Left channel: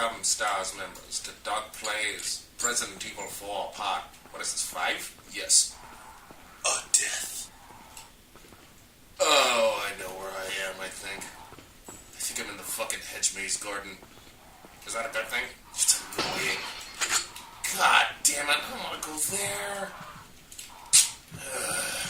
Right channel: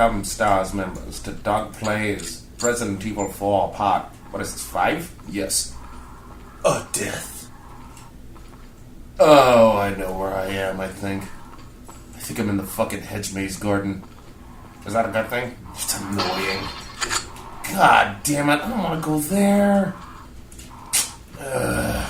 Welcome, Stars members, to Dog Plays Resident Evil 4 Part, what is this, 5? Yes. A death. Oh, I know where I am, I think. I think I'm in the fucking hedge maze garden. Is that a good thing? It's annoying. God damn it, I don't want to go there. Ugh.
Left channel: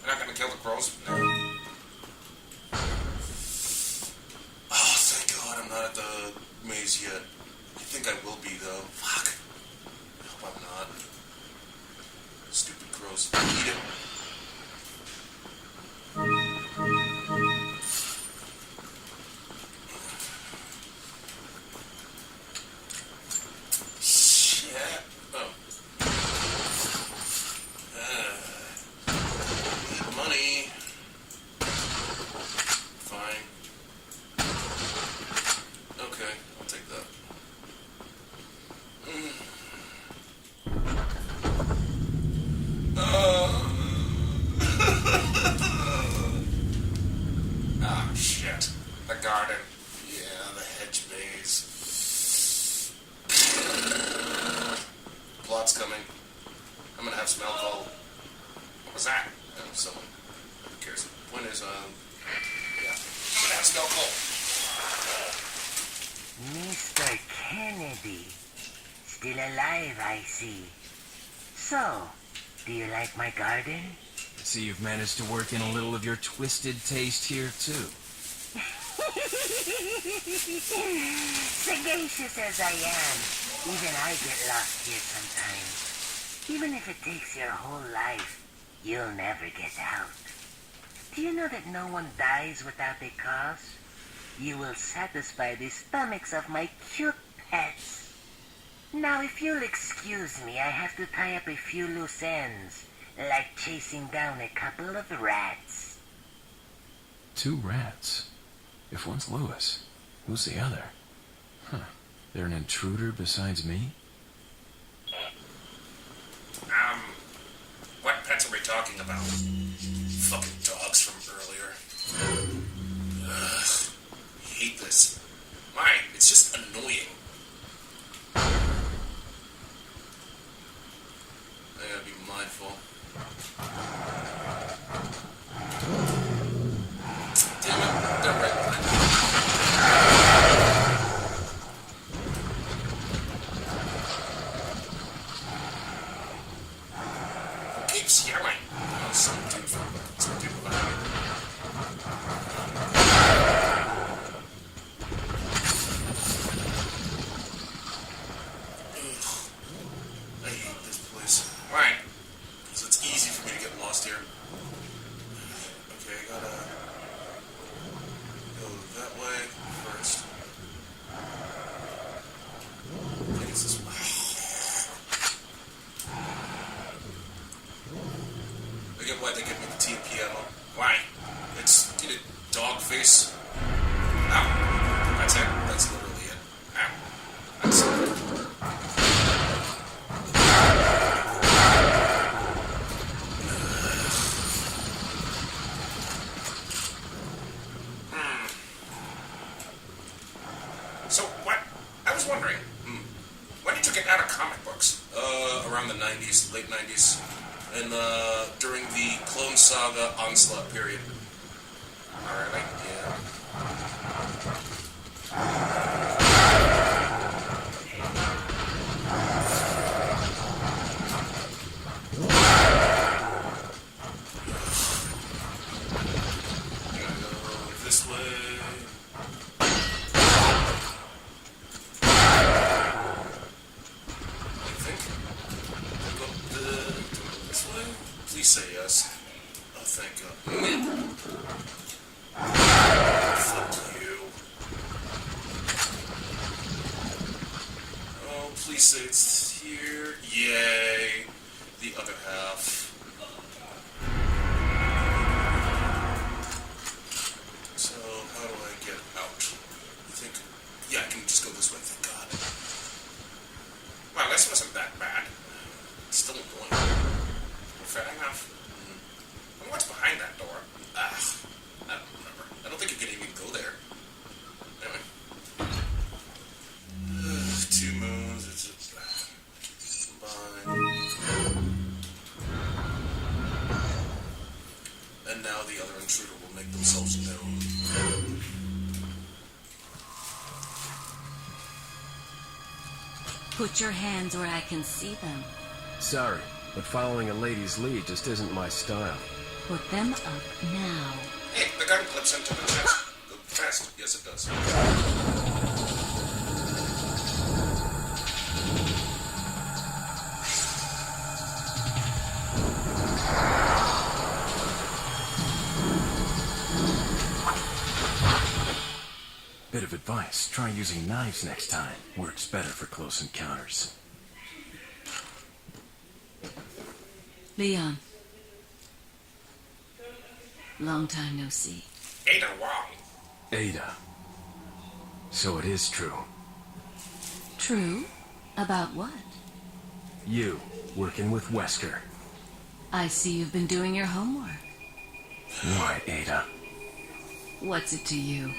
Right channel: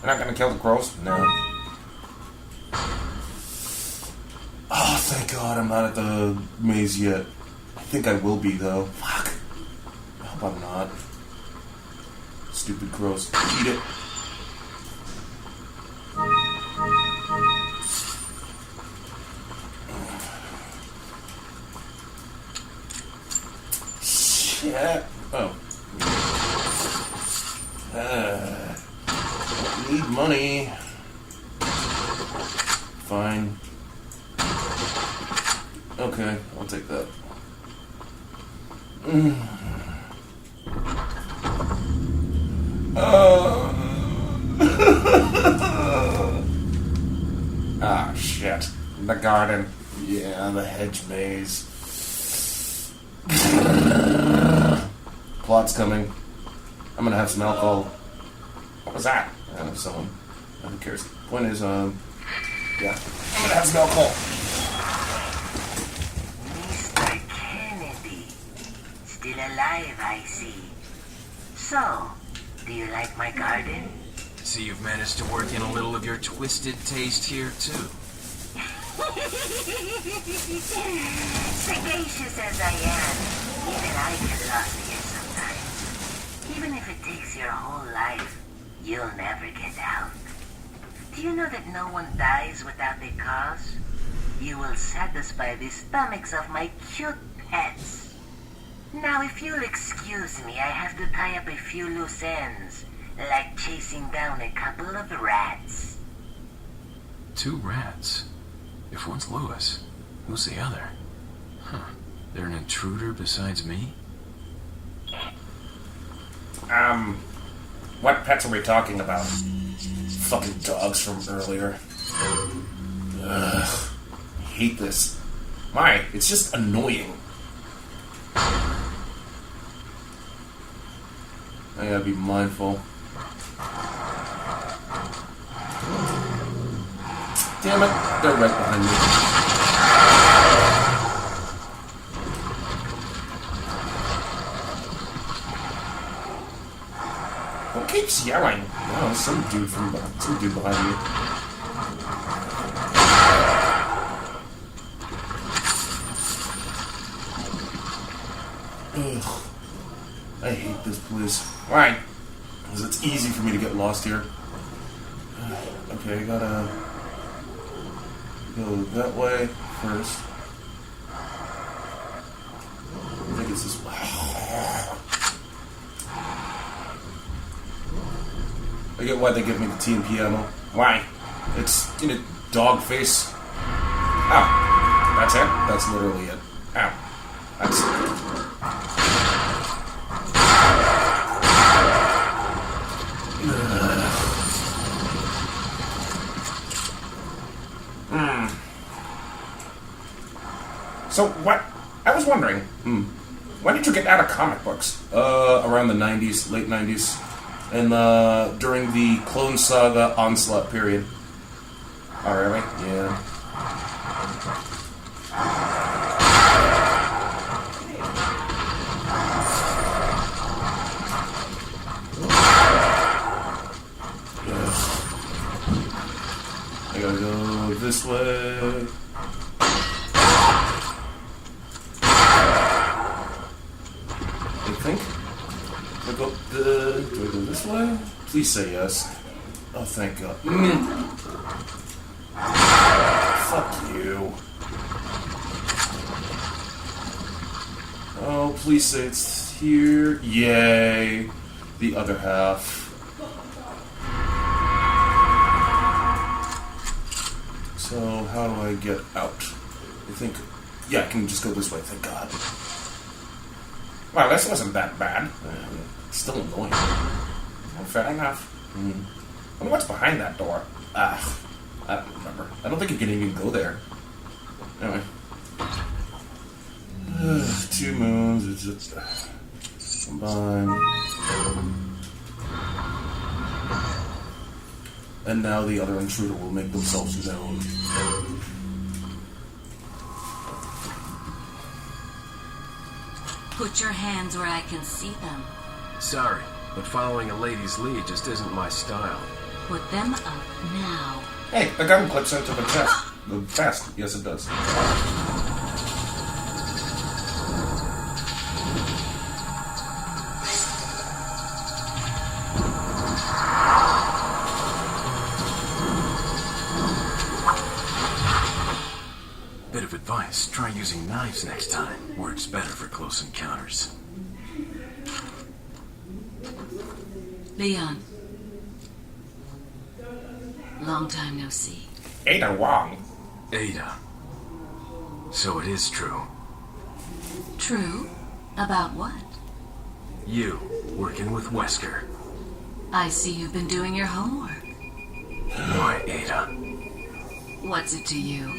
You're not gonna kill the crows? No. Oh, thank God I'm not at the maze yet. I think I will be, though. Fuck. I hope I'm not. Stupid crows. Eat it. Shit. Oh. Need money. Fine. Okay, I'll take that. Ah, shit. The garden. Yeah, the hedge maze. Plot's coming. I'm gonna have some alcohol. What was that? Someone. Who cares? Point is, yeah. I'm gonna have some alcohol. Mr. Kennedy. Still alive, I see. So, do you like my garden? See, you've managed to work in a little of your twisted taste here, too. Sagacious as I am, even I get lost here sometimes. Even if it takes your whole life, you'll never get out. Do you know that no one dies without a cause? You will satisfy the stomachs of my cute pets. Now, if you'll excuse me, I have to tie up a few loose ends, like chasing down a couple of rats. 2 rats? If one's Louis, who's the other? Huh. They're an intruder besides me? What pets are we talking about? Fucking dogs from earlier. Ugh. I hate this. Why? It's just annoying. I gotta be mindful. Damn it, they're right behind me. Who keeps yelling? Oh, some dude behind me. Ugh. I hate this place. Why? Because it's easy for me to get lost here. Okay, I gotta go that way first. I think it's this way. I get why they give me the TNP ammo. Why? It's in a dog face. Ow. That's it? That's literally it. Ow. That's it. So, what? I was wondering, when did you get out of comic books? Around the 90s, late 90s. And, during the Clone Saga Onslaught period. Oh, really? Yeah. I gotta go this way. Do I go this way? Please say yes. Oh, thank God. Fuck you. Oh, please say it's here. Yay. The other half. So, how do I get out? I think... Yeah, I can just go this way, thank God. Well, this wasn't that bad. It's still annoying. Well, fair enough. I mean, what's behind that door? I don't remember. I don't think you can even go there. Anyway. 2 moons. It's just combine. And now the other intruder will make themselves known. Put your hands where I can see them. Sorry, but following a lady's lead just isn't my style. Put them up now. Hey, the gun clips into the chest. The vest. Yes, it does. Bit of advice, try using knives next time. Works better for close encounters. Leon. Long time no see. Ada Wong. Ada. So it is true. True? About what? You, working with Wesker. I see you've been doing your homework. Why, Ada? What's it to you?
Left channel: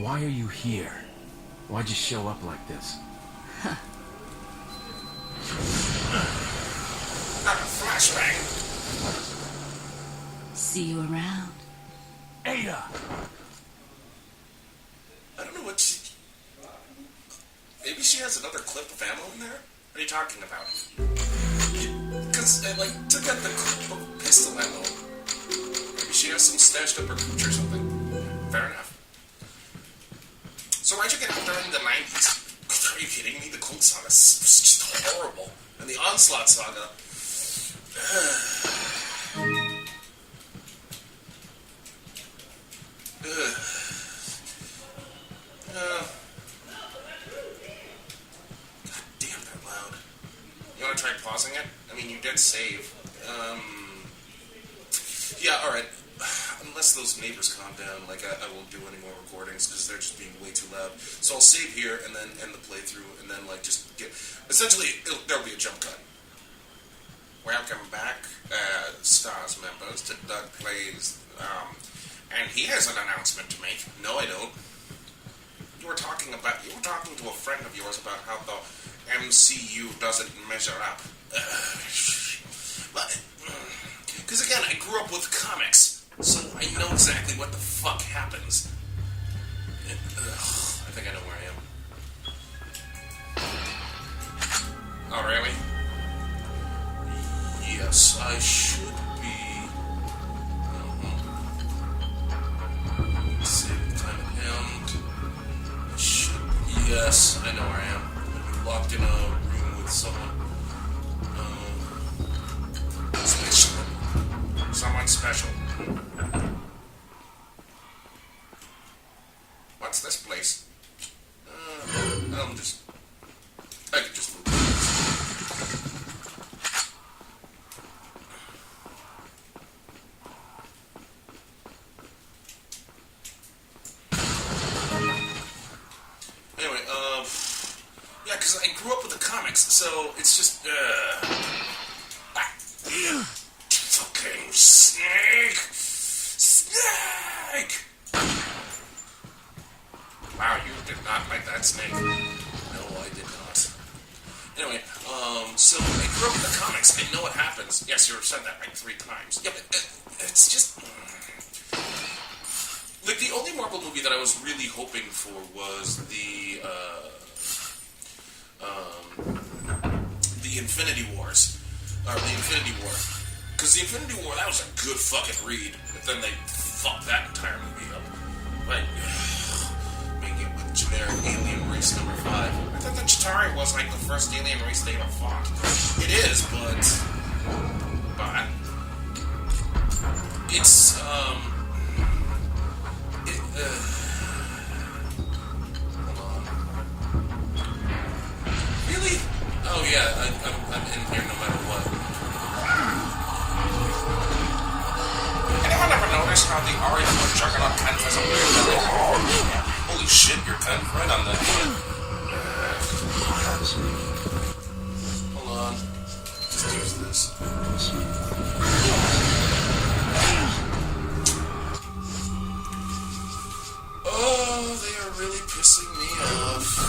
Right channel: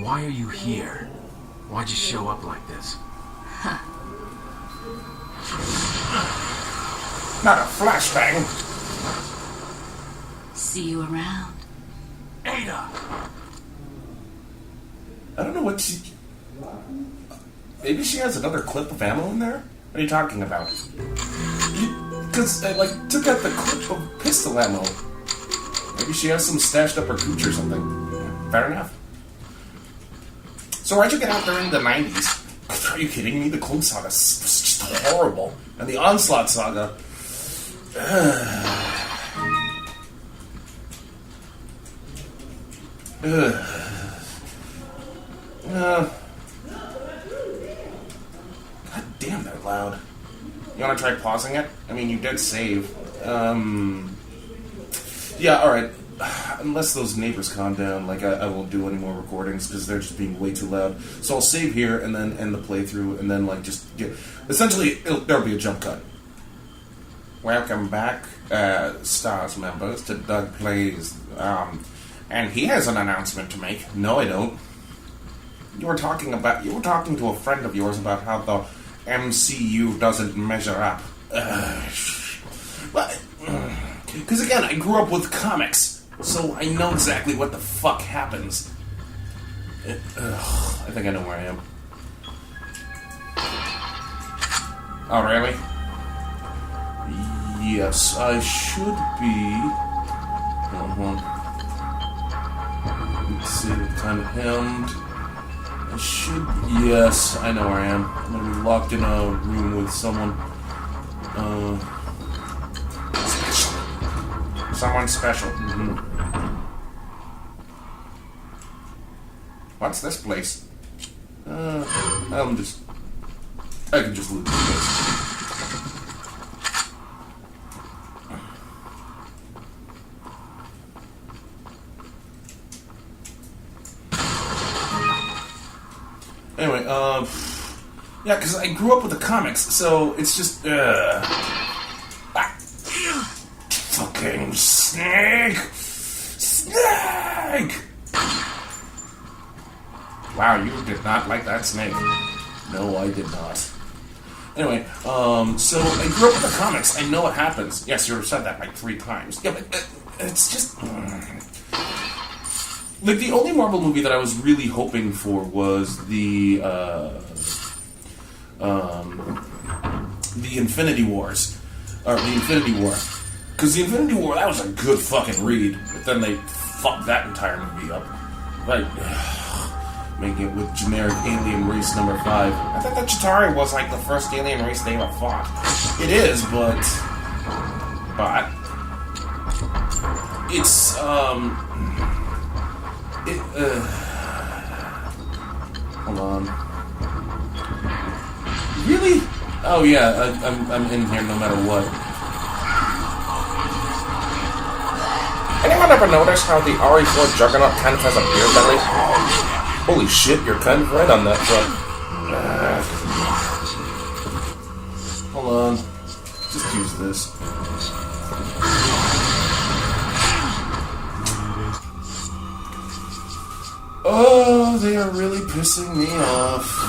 Why are you here? Why'd you show up like this? Not a flashbang. See you around. Ada! I don't know what she... Maybe she has another clip of ammo in there? What are you talking about? Because I, took out the clip of pistol ammo. Maybe she has some stashed up her gooch or something. Fair enough. So why'd you get out there in the 90s? Are you kidding me? The Clone Saga was just horrible. And the Onslaught Saga... God damn, they're loud. You want to try pausing it? I mean, you did save. Yeah, alright. Unless those neighbors calm down, I won't do any more recordings because they're just being way too loud. So I'll save here and then end the playthrough and then, just get... Essentially, there'll be a jump cut. Welcome back, Stars members, to Doug Plays. And he has an announcement to make. No, I don't. You were talking to a friend of yours about how the MCU doesn't measure up. Because again, I grew up with comics, so I know exactly what the fuck happens. I think I know where I am. Oh, really? Yes, I should be. Let's see what kind of hemmed. I should. Yes, I know where I am. I'm gonna be locked in a room with someone. Special. Someone special. What's this place? I can just loot this. Anyway, yeah, because I grew up with the comics, so it's just, fucking snake! Snake! Wow, you did not like that snake. No, I did not. Anyway, so I grew up with the comics. I know what happens. Yes, you said that 3 times. Yeah, but it's just... the only Marvel movie that I was really hoping for was the Infinity Wars. Or the Infinity War. Because the Infinity War, that was a good fucking read. But then they fucked that entire movie up. Making it with generic alien race number 5. I thought that Chitauri was the first alien race they ever fought. It is, but... It's, hold on. Really? Oh yeah, I'm in here no matter what. Anyone ever notice how the RE4 Juggernaut kind of has a beard belly? Holy shit, you're kind of right on that front. is this? Oh, they are really pissing me off.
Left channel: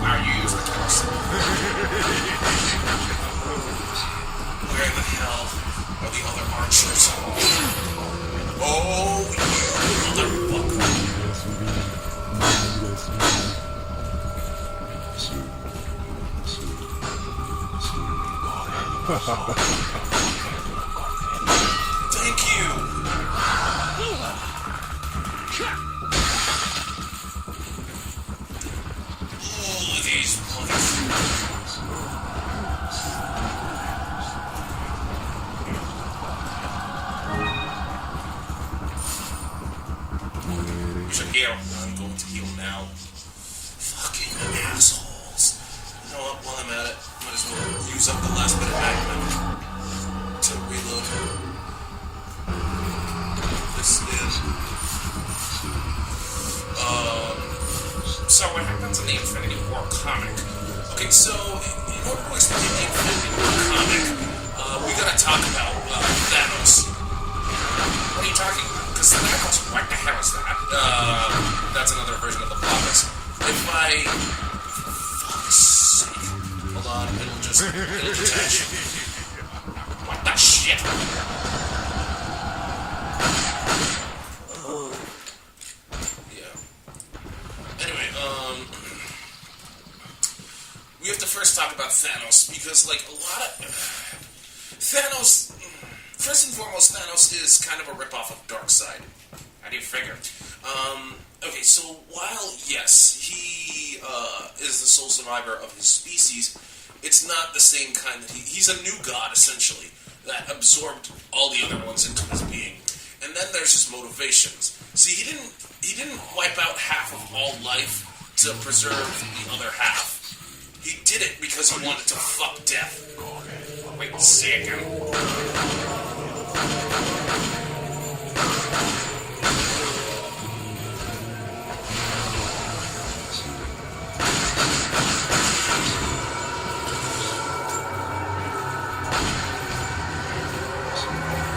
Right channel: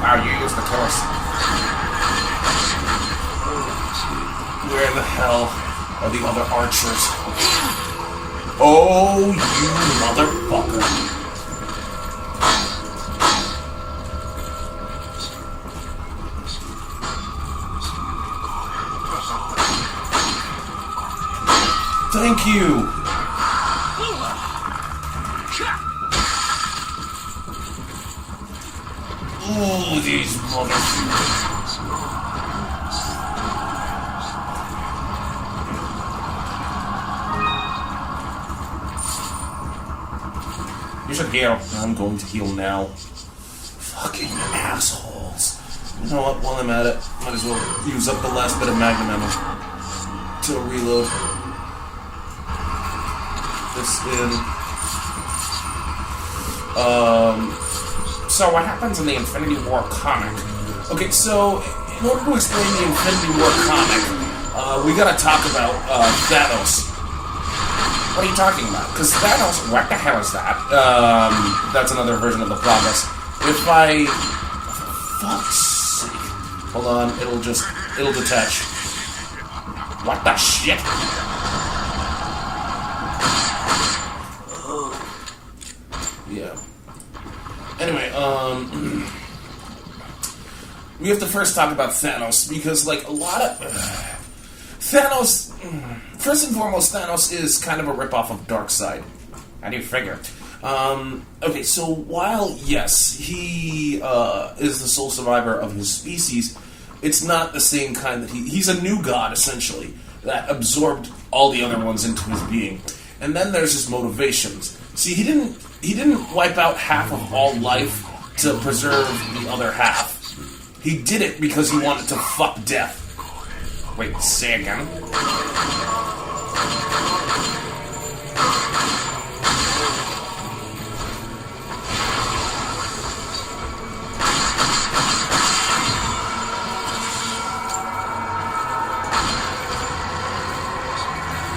Wow, you used the course. Where the hell are the other archers? Oh, you motherfucker. Thank you. Ooh, these motherfuckers. You should heal. I'm going to heal now. Fucking assholes. You know what? While I'm at it, might as well use up the last bit of magnum ammo to reload. This in. So what happens in the Infinity War comic? Okay, so in order to explain the Infinity War comic, we gotta talk about Thanos. What are you talking about? Because Thanos, what the hell is that? That's another version of the promise. If I... Fuck's sake. Hold on, it'll detach. What the shit? Yeah. Anyway, we have to first talk about Thanos, because, like, a lot of... Thanos... First and foremost, Thanos is kind of a ripoff of Darkseid. How do you figure? Okay, so while, yes, he is the sole survivor of his species, it's not the same kind that he's a new god, essentially, that absorbed all the other ones into his being. And then there's his motivations. See, he didn't wipe out half of all life to preserve the other half. He did it because he wanted to fuck death. Wait, say again?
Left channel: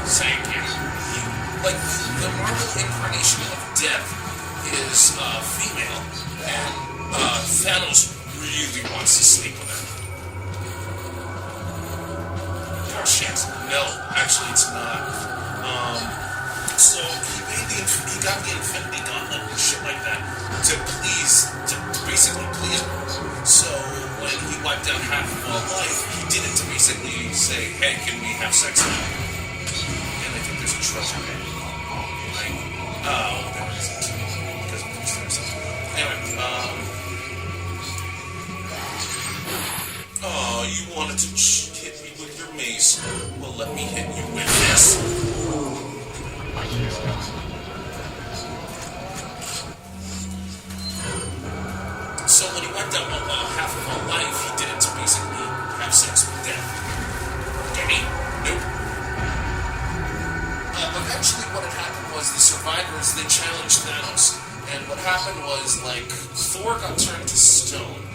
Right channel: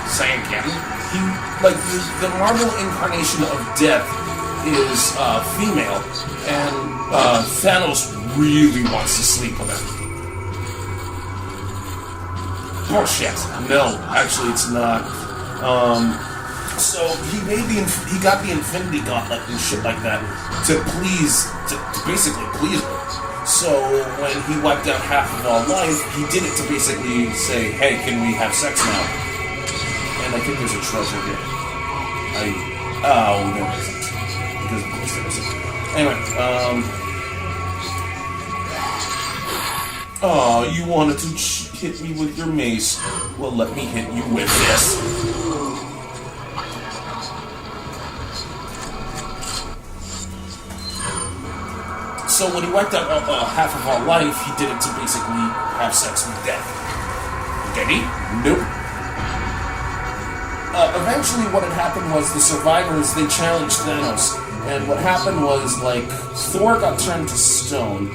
Say again? Like, the Marvel incarnation of death is female, and Thanos really wants to sleep with her. Bullshit. No, actually it's not. So he got the Infinity Gauntlet and shit like that to basically please her. So when he wiped out half of all life, he did it to basically say, hey, can we have sex now? And I think there's a treasure here. Oh, no, there isn't. Because there isn't. Anyway, oh, you wanted to hit me with your mace. Well, let me hit you with this. So when he wiped out half of our life, he did it to basically have sex with death. Did he? Nope. Eventually what had happened was the survivors, they challenged Thanos. And what happened was, like, Thor got turned to stone.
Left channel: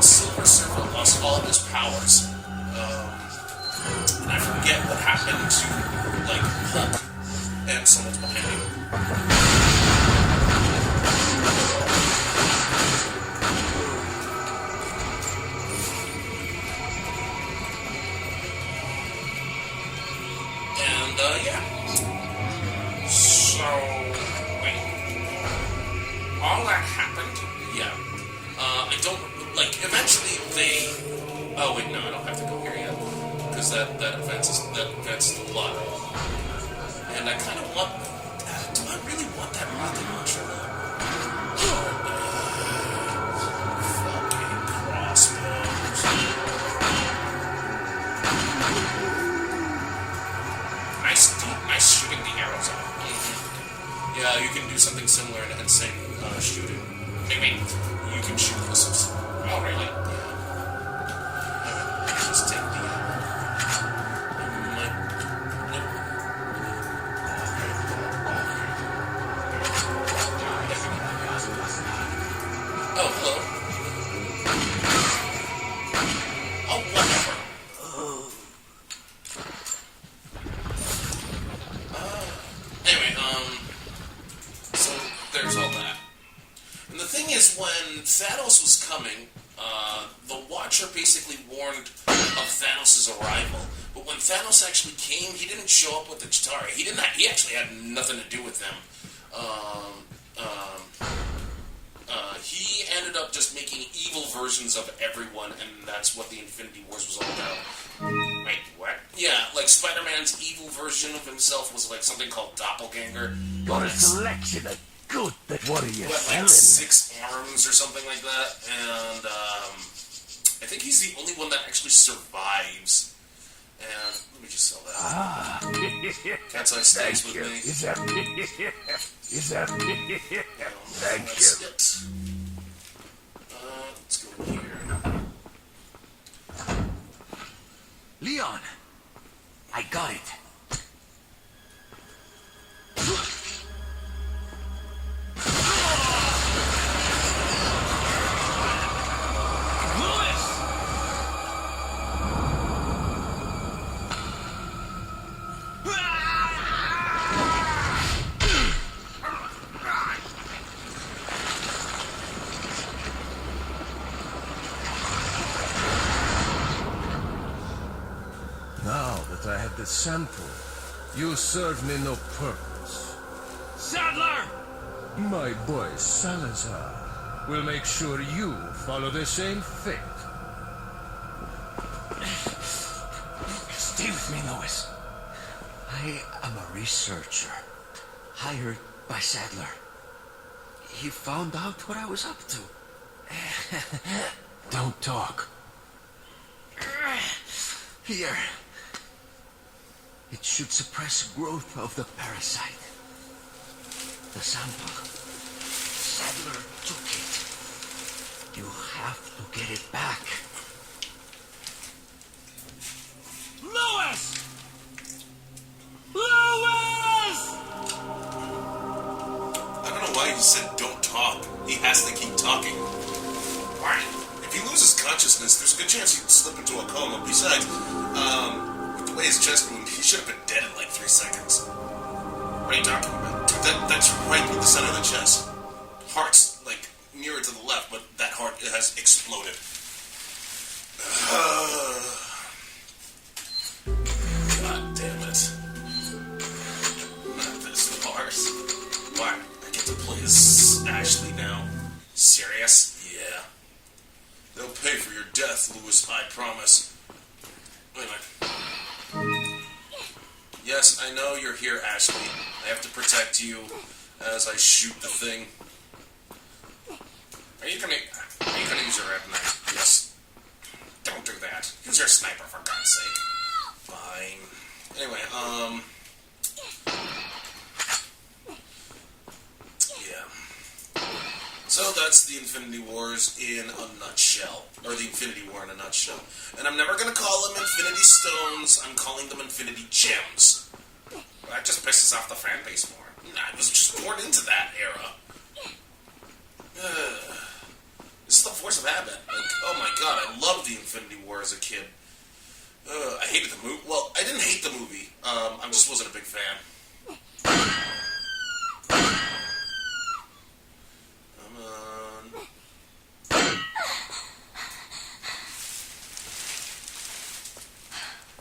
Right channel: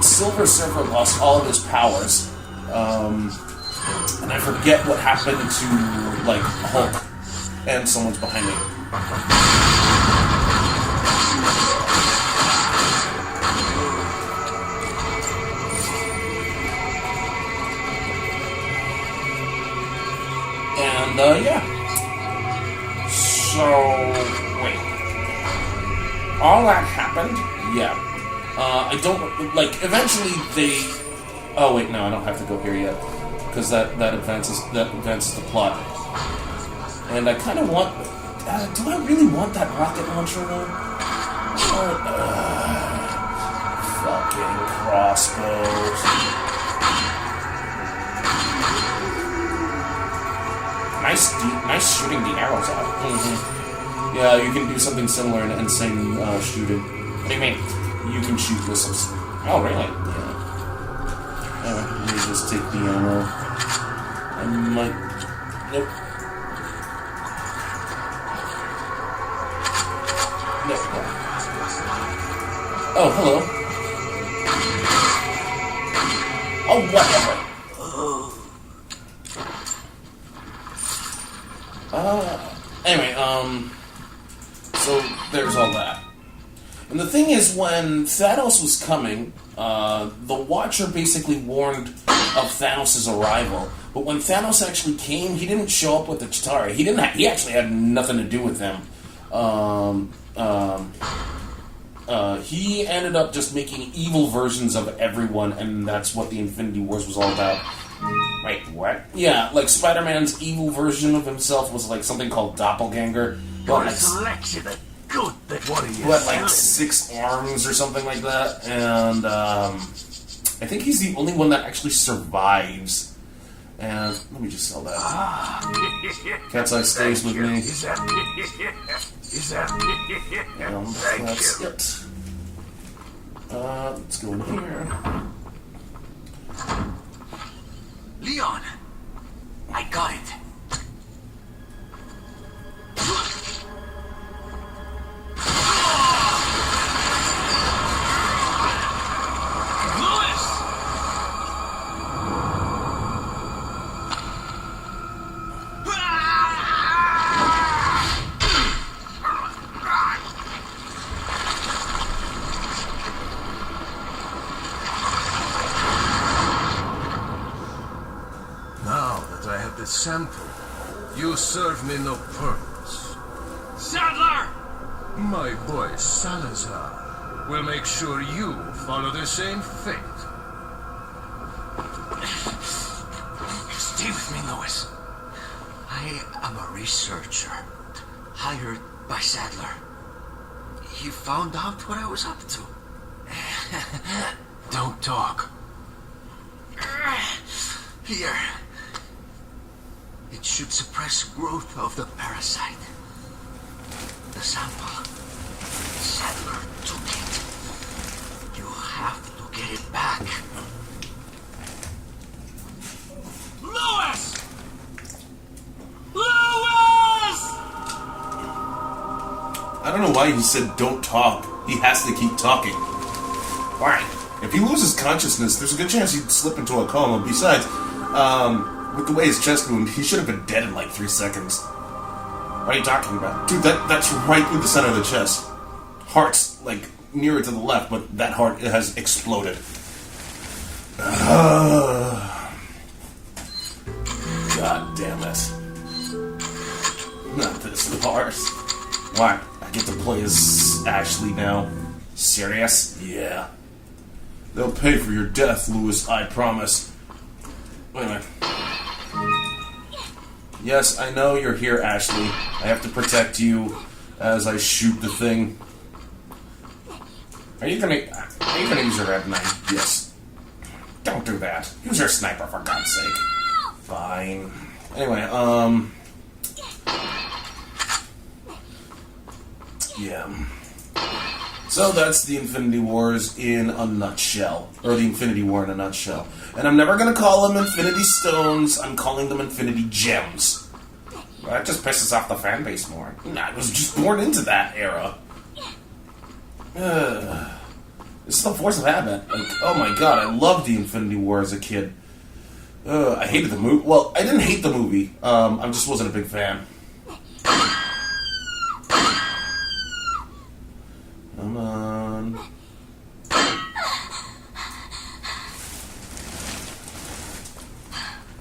Silver Surfer lost all of his powers. And I forget what happened to, like, Hulk. And someone's behind me. And, yeah. So, wait. All that happened? Yeah. I don't, like, eventually they... Oh, wait, no, I don't have to go here yet. Because that advances the plot. And I kind of want... do I really want that rocket launcher, though? Fucking crossbows. Nice just shooting the arrows out. Mm-hmm. Yeah, you can do something similar in insane shooting. What do you mean? You can shoot missiles. Oh, really? Yeah. Let me just take the ammo. Nope. Oh, hello. Oh, whatever. Anyway, so there's all that. And the thing is, when Thanos was coming, the Watcher basically warned of Thanos' arrival. But when Thanos actually came, he didn't show up with the Chitauri. He actually had nothing to do with them. He ended up just making evil versions of everyone, and that's what the Infinity Wars was all about. Wait, what? Yeah, like Spider-Man's evil version of himself was like something called Doppelganger. Got a selection of good that what are you who had selling? like 6 arms or something like that, and I think he's the only one that actually survives. And let me just sell that. Cat's Eye stays with me. Is that? That's it. Let's go in here. Leon, I got it. Louise! Now that I have the sample, you serve me no purpose. Sadler! My boy Salazar will make sure you follow the same fate. Stay with me, Louis. I am a researcher, hired by Sadler. He found out what I was up to. Don't talk. Here. It should suppress growth of the parasite. The sample. Sadler took it. You have to get it back. Louis! Louis! I don't know why he said don't talk. He has to keep talking. Why? If he loses consciousness, there's a good chance he'd slip into a coma. Besides, with the way his chest moved, he should have been dead in like 3 seconds. What are you talking about? Dude, that's right through the center of the chest. Heart's, like, nearer to the left, but that heart has exploded. God damn it. Not this farce. Why? I get to play as Ashley now. Serious? Yeah. They'll pay for your death, Louis, I promise. Wait a minute. Yes, I know you're here, Ashley. I have to protect you as I shoot the thing. Are you gonna use your red knife? Yes. Don't do that. Use your sniper, for God's sake. Fine. Anyway, yeah. So that's the Infinity Wars in a nutshell. Or the Infinity War in a nutshell. And I'm never gonna call them Infinity Stones, I'm calling them Infinity Gems. Well, that just pisses off the fan base more. Nah, I was just born into that era. This is the force of habit. Like, oh my god, I loved the Infinity War as a kid. I hated the movie. Well, I didn't hate the movie. I just wasn't a big fan. Come on.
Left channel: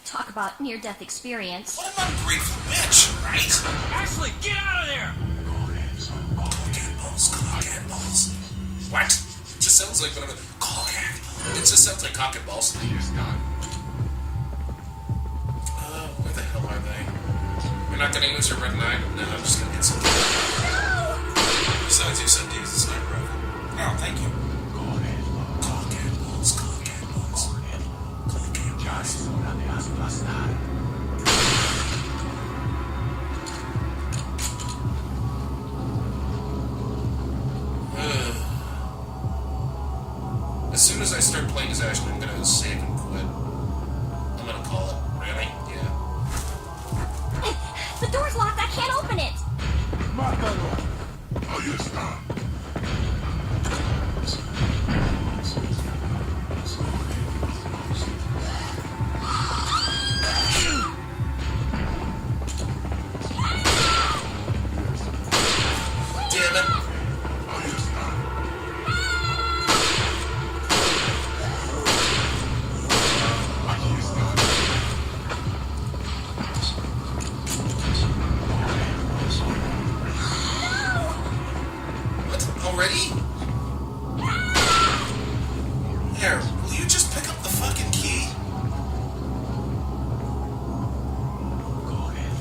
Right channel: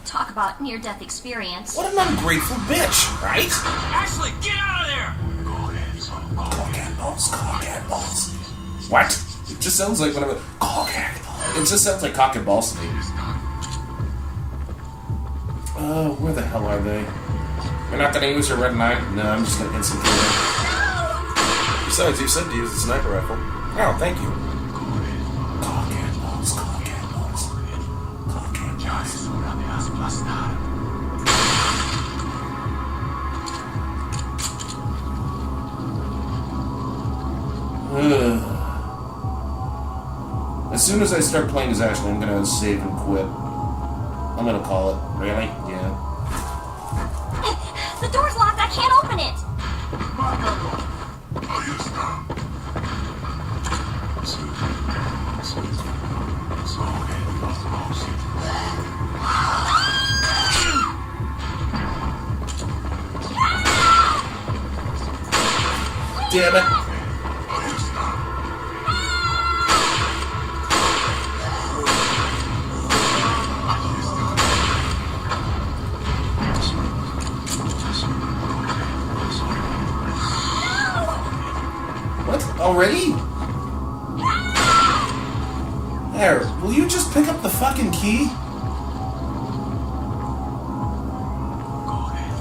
Talk about near-death experience. What an ungrateful bitch, right? Ashley, get out of there! Cock and balls. What? It just sounds like whatever. Cock and balls. It just sounds like cock and balls to me. Where the hell are they? You're not gonna use your red knife? No, I'm just gonna instantly. Besides, you said to use the sniper rifle. No, thank you. Cock and balls, cock and balls. Cock and balls. As soon as I start playing as Ashley, I'm gonna save and quit. I'm gonna call it. Really? Yeah. The door's locked. I can't open it. Damn it. What? Already? There, will you just pick up the fucking key?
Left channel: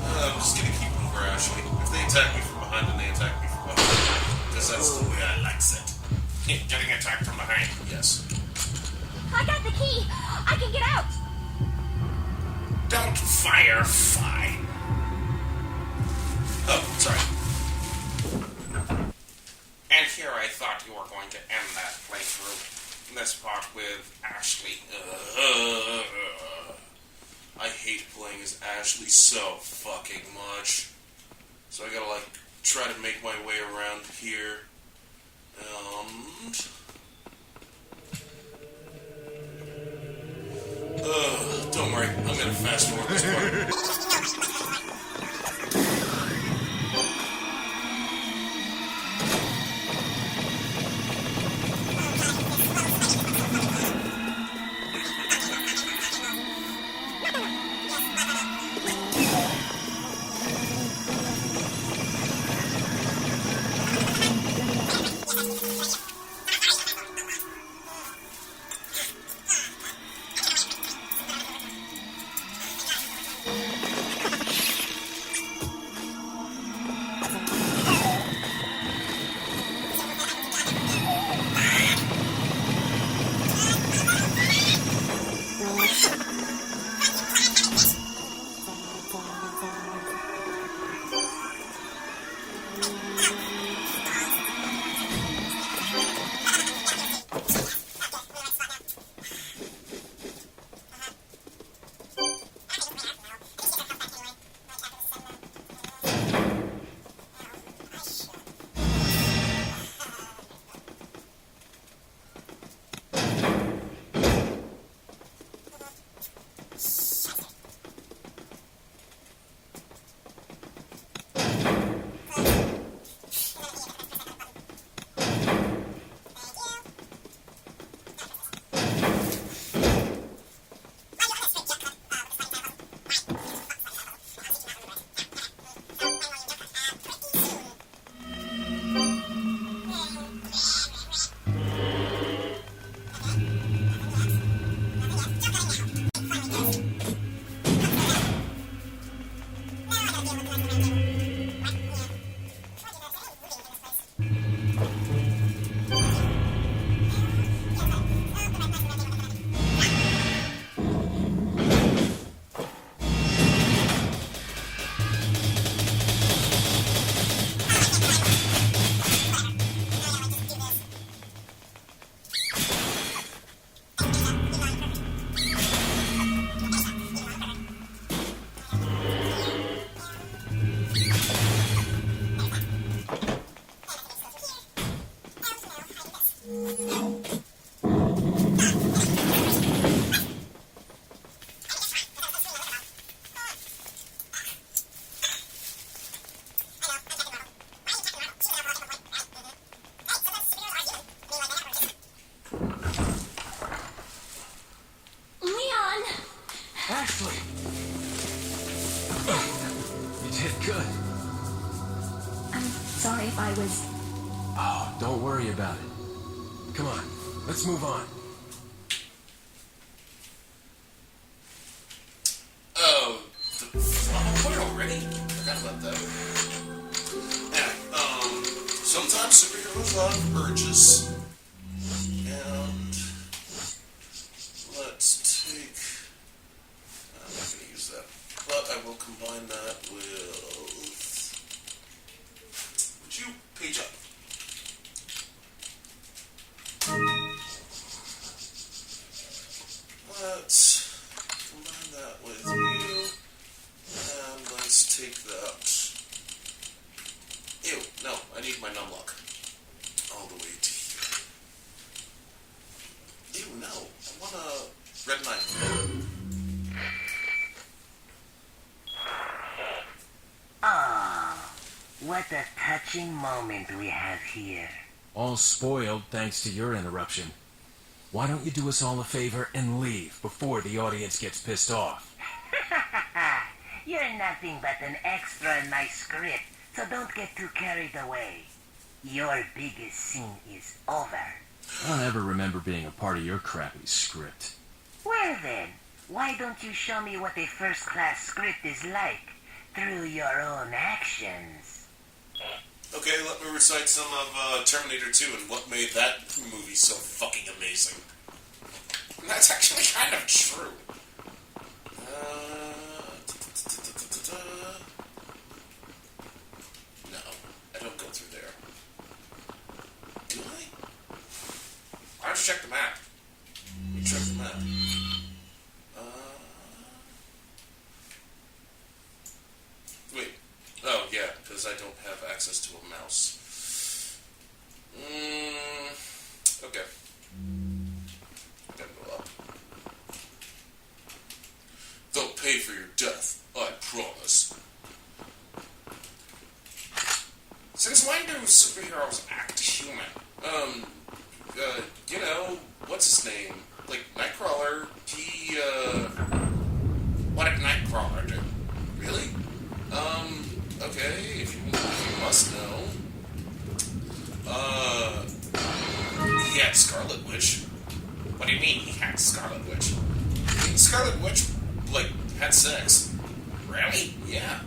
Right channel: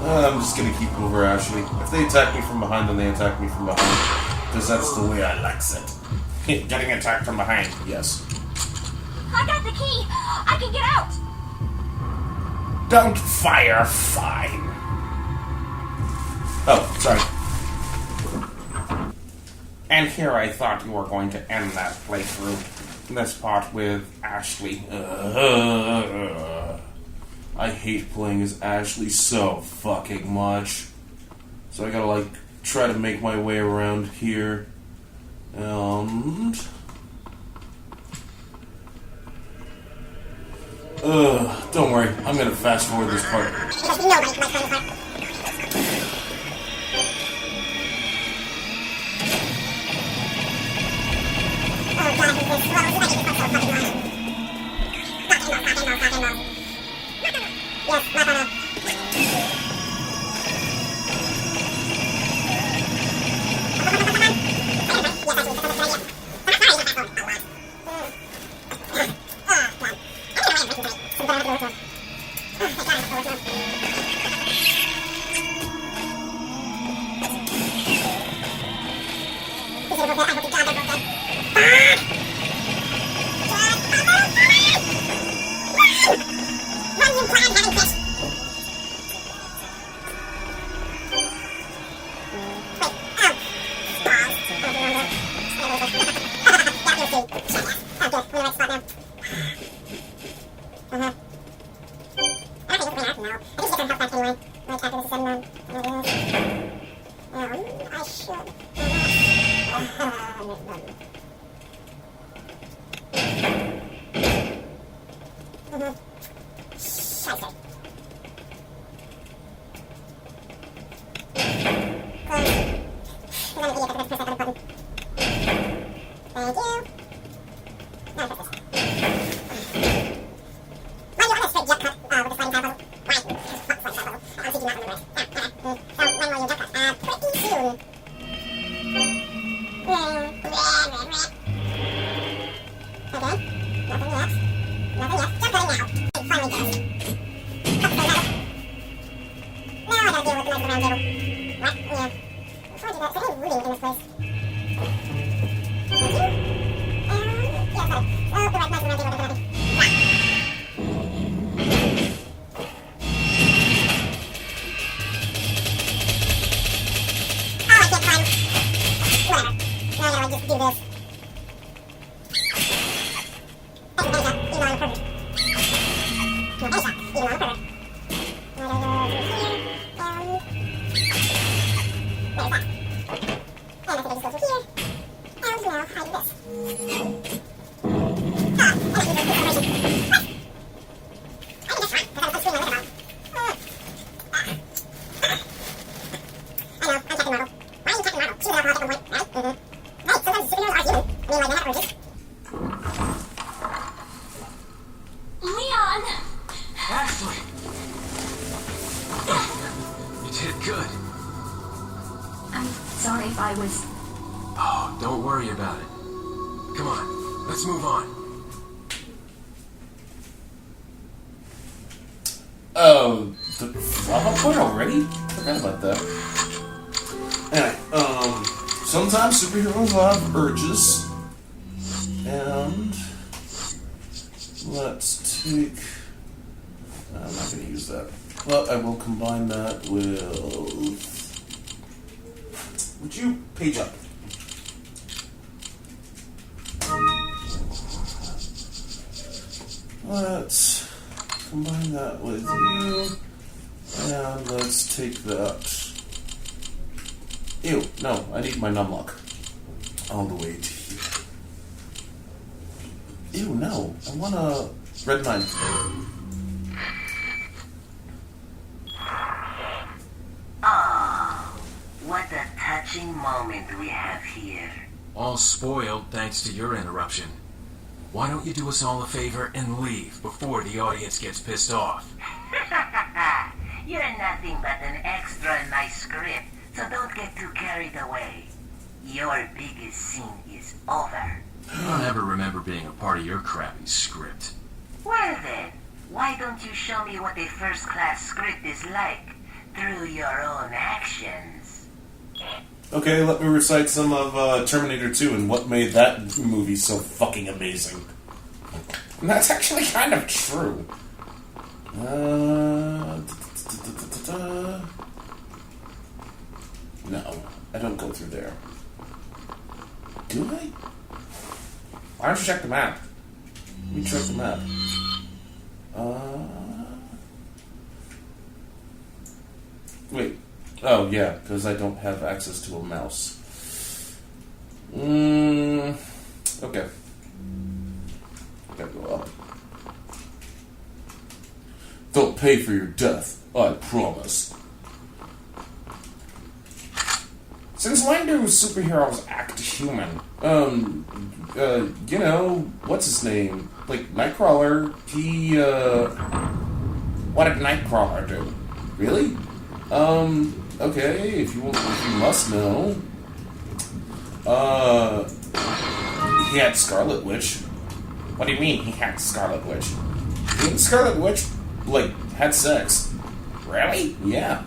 I'm just gonna keep over Ashley. If they attack me from behind, then they attack me from behind. Because that's the way I likes it. Getting attacked from behind, yes. I got the key. I can get out. Don't fire, fine. Oh, sorry. And here I thought you were going to end that playthrough. This part with Ashley. I hate playing as Ashley so fucking much. So I gotta, like, try to make my way around here. And... don't worry. I'm gonna fast forward this part. Ashley! You did good. I'm sorry if I was... Oh, don't worry about it. Come on, let's move on. Oh, the Fallout point already? Forgot about that. Anyway, sometimes superheroes will have urges. And let's take... I'm not going to use that. But I will combine that with... Would you page up? let's combine that with you, and let's take that. Ew, no, I need my numlock. All the way to here. Ew, no, I want a red 9. Oh, what a touching moment we have here. All spoiled thanks to your interruption. Why don't you do us all a favor and leave before the audience gets pissed off? You're nothing but an extra in my script, so don't get too carried away. Your biggest scene is over. I don't ever remember being a part of your crappy script. Well then, why don't you show me what a first-class script is like through your own actions? Okay, let me recite some of Terminator 2 and what made that movie so fucking amazing. And that's actually kind of true. No, I don't go through there. Do I? Why don't you check the map? Let me check the map. Wait. Oh, yeah, because I don't have access to a mouse. Okay. Gotta go up. They'll pay for your death, I promise. Since when do superheroes act human? You know, what's his name? Like, Nightcrawler, he, what did Nightcrawler do? Really? Okay, if you must know. He had Scarlet Witch. What do you mean he had Scarlet Witch? Didn't Scarlet Witch, like, had sex? Really? Yeah.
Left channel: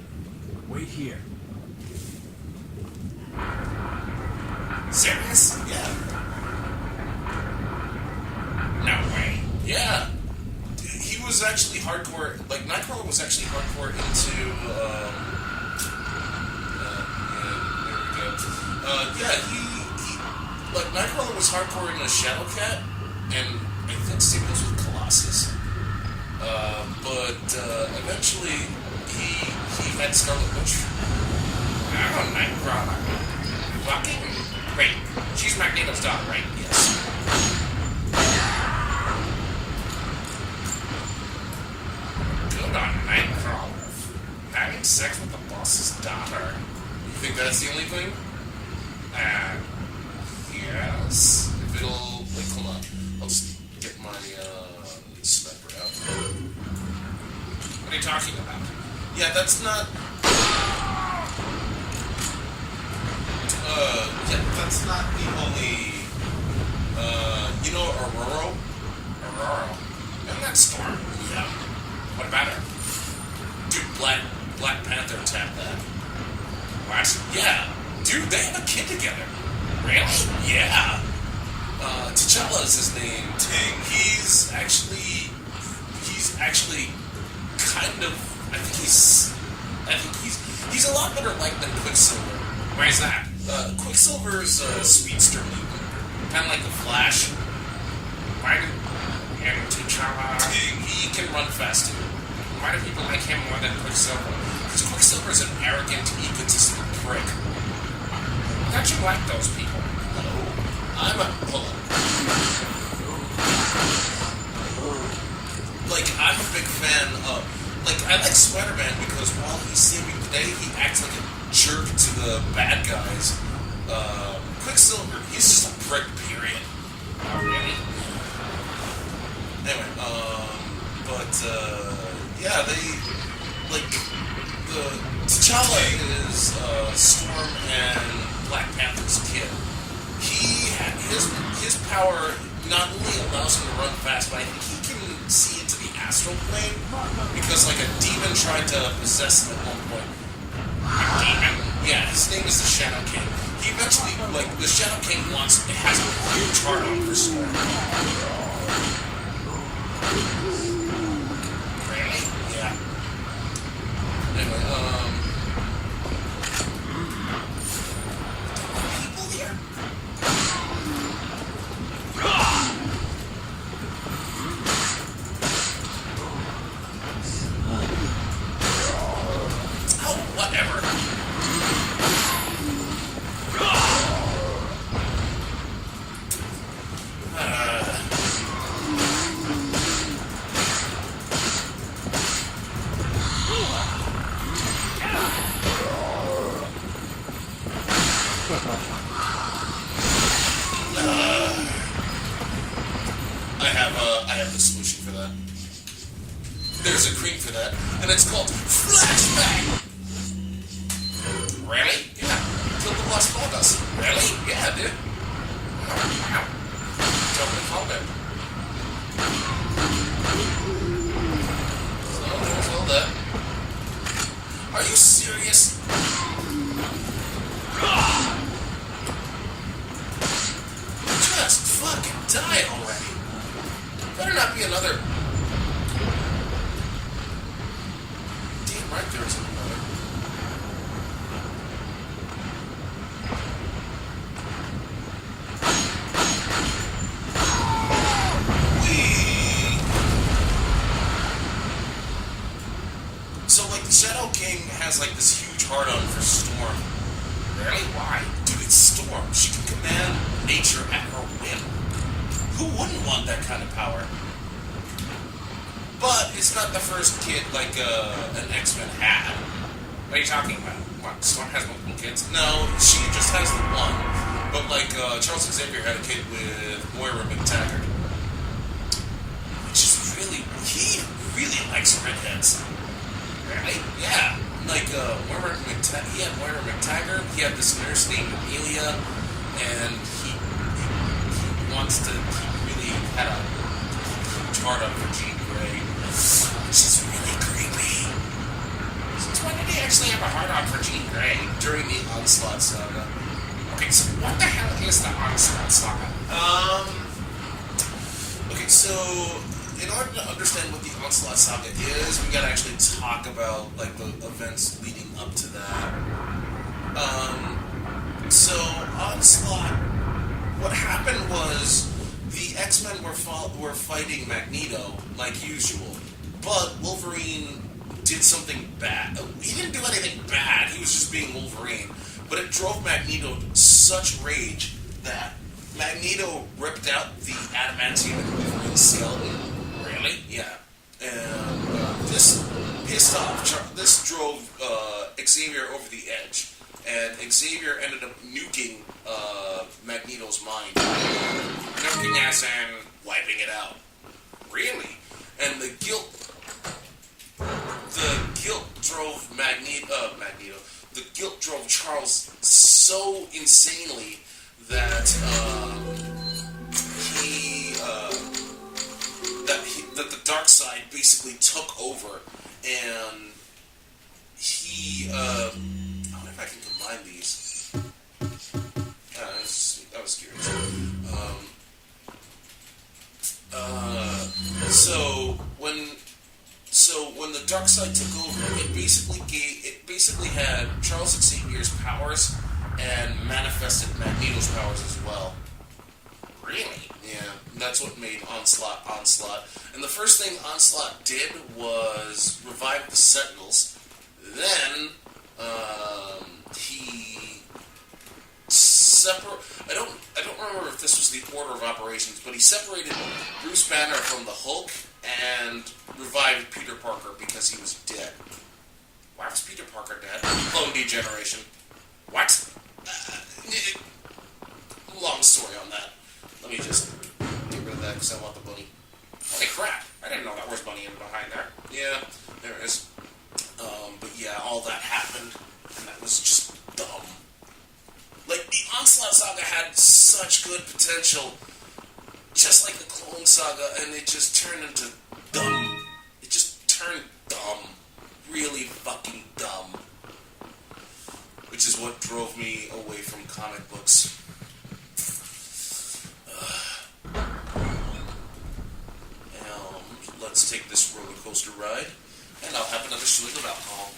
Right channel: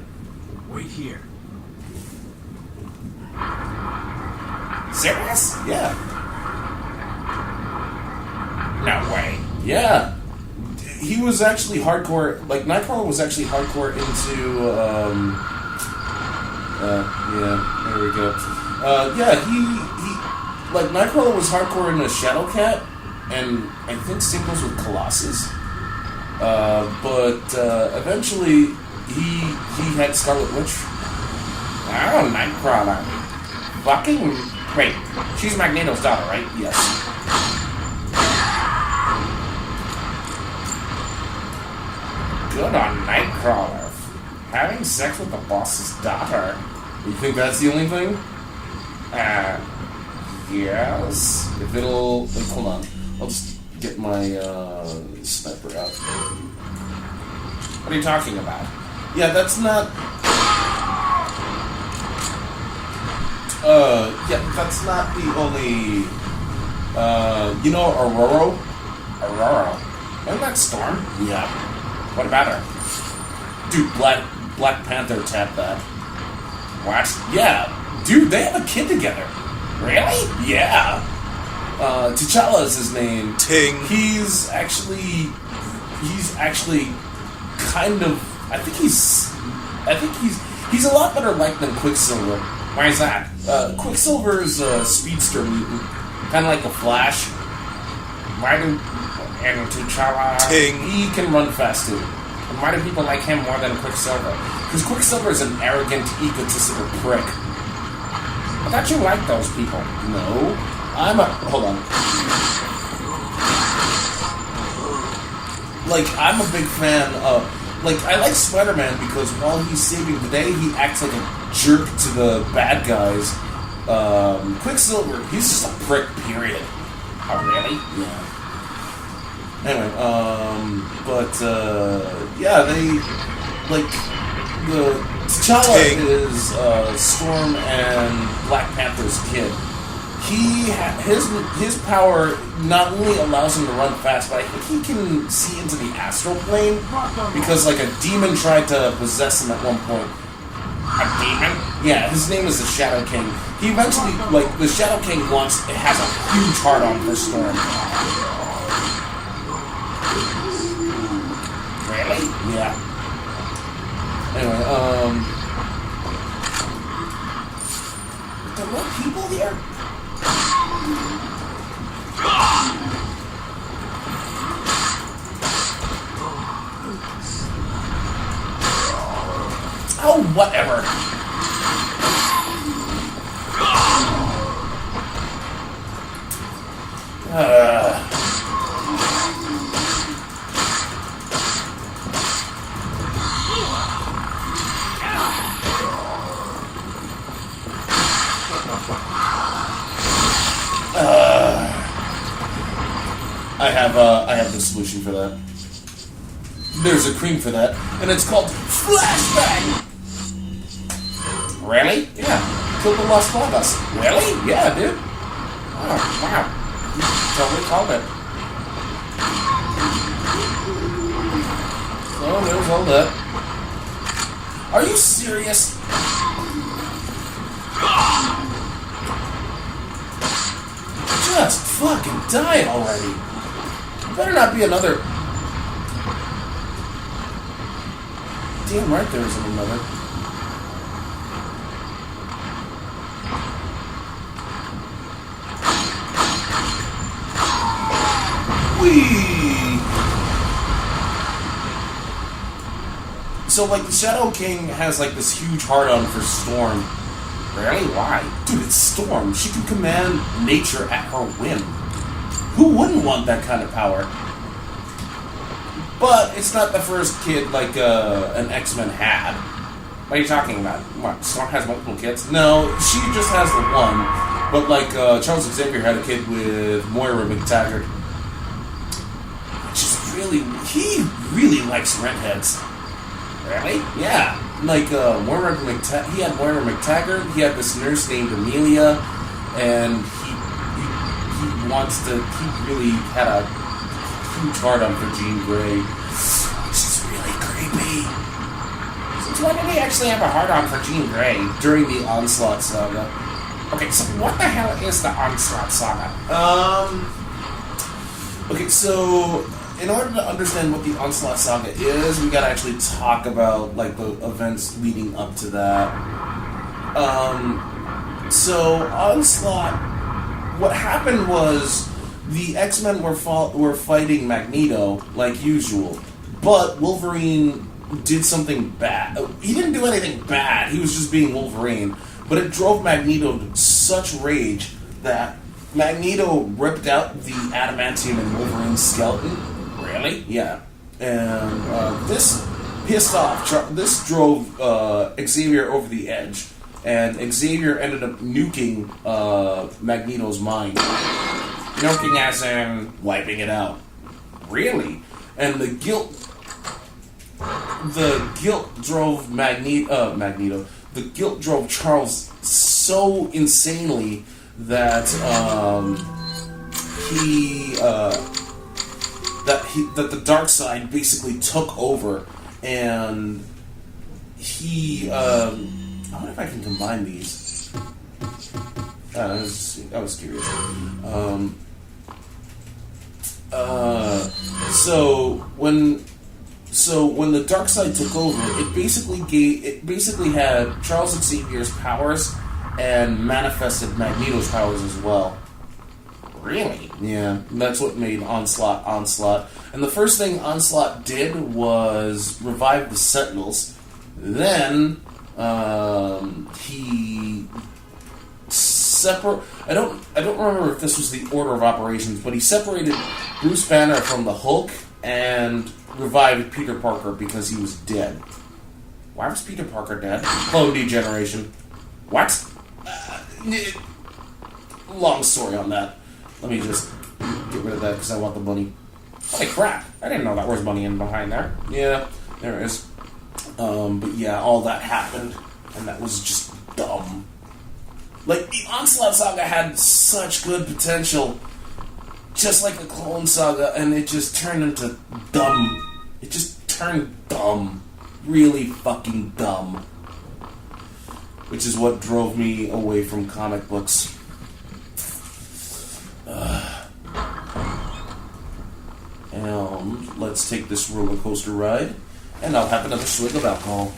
Wait here. Serious? Yeah. No way. Yeah. He was actually hardcore, like, Nightcrawler was actually hardcore into, yeah, there we go. Yeah, he, like, Nightcrawler was hardcore into Shadowcat, and I think same goes with Colossus. But eventually, he had Scarlet Witch. Oh, Nightcrawler. Fucking, wait, she's Magneto's daughter, right? Yes. Good on Nightcrawler. Having sex with the boss's daughter. You think that's the only thing? Yes. If it'll... Wait, hold on. I'll just get my, sniper out. What are you talking about? Yeah, that's not... yeah, that's not the only... you know Aurora? Aurora. Isn't that Storm? Yeah. What about her? Dude, Black Panther tapped that. What? Yeah. Dude, they have a kid together. Really? Yeah. T'Challa is his name. Ting. He's actually kind of, I think he's a lot better liked than Quicksilver. Why is that? Quicksilver's a speedster mutant, kind of like the Flash. And T'Challa, Ting. he can run fast too. And why do people like him more than Quicksilver? Because Quicksilver is an arrogant, egotistical prick. I thought you liked those people. No. Hold on. Like, I'm a big fan of... Like, I like Spider-Man because while he's saving the day, he acts like a jerk to the bad guys. Quicksilver, he's just a prick, period. Oh, really? Yeah. Anyway, yeah, they, like, the T'Challa is, Storm and Black Panther's kid. His power not only allows him to run fast, but I think he can see into the astral plane, because, like, a demon tried to possess him at one point. A demon? Yeah, his name is the Shadow King. He eventually, like, the Shadow King has a huge heart-on for Storm. Really? Yeah. Anyway, there were people here? whatever. I have the solution for that. There's a cream for that, and it's called Flashbang! Really? Yeah. Killed the Las Vegas. Really? Yeah, dude. Oh, wow. Totally called it. So, there's all that. Are you serious? Just fucking die already. Better not be another... Damn right there isn't another. Whee! So, like, the Shadow King has, like, this huge hard-on for Storm. Really? Why? Dude, it's Storm. She can command nature at her whim. Who wouldn't want that kind of power? But it's not the first kid like an X-Men had. What are you talking about? What, Storm has multiple kids? No, she just has the one. But like Charles Xavier had a kid with Moira McTaggart. Which is really... He really likes redheads. Really? Yeah. Like Moira McTaggart... He had Moira McTaggart. He had this nurse named Amelia. And he wants to... He really had a huge hard-on for Jean Grey. She's really creepy. Since when did he actually have a hard-on for Jean Grey? During the Onslaught Saga. Okay, so what the hell is the Onslaught Saga? Okay, so in order to understand what the Onslaught Saga is, we gotta actually talk about like the events leading up to that. So Onslaught, what happened was the X-Men were fighting Magneto like usual, but Wolverine did something bad. He didn't do anything bad. He was just being Wolverine, but it drove Magneto to such rage that Magneto ripped out the adamantium in Wolverine's skeleton. Really? Yeah. And this pissed off. This drove Xavier over the edge, and Xavier ended up nuking Magneto's mind. Nuking as in wiping it out. Really? And the guilt drove Magneto. The guilt drove Charles so insanely that that the dark side basically took over, and he I wonder if I can combine these. I was curious. So when the dark side took over, it basically had Charles Xavier's powers and manifested Magneto's powers as well. Really? Yeah, that's what made Onslaught. And the first thing Onslaught did was revive the Sentinels. Then he I don't remember if this was the order of operations, but he separated Bruce Banner from the Hulk and revived Peter Parker because he was dead. Why was Peter Parker dead? Clone degeneration. What? Long story on that. Let me just get rid of that because I want the money. Holy crap! I didn't know that was money in behind there. Yeah, there is. But yeah, all that happened, and that was just dumb. Like, the Onslaught Saga had such good potential, just like the Clone Saga, and it just turned into dumb. It just turned dumb. Really fucking dumb. Which is what drove me away from comic books. Let's take this roller coaster ride, and I'll have another swig of alcohol.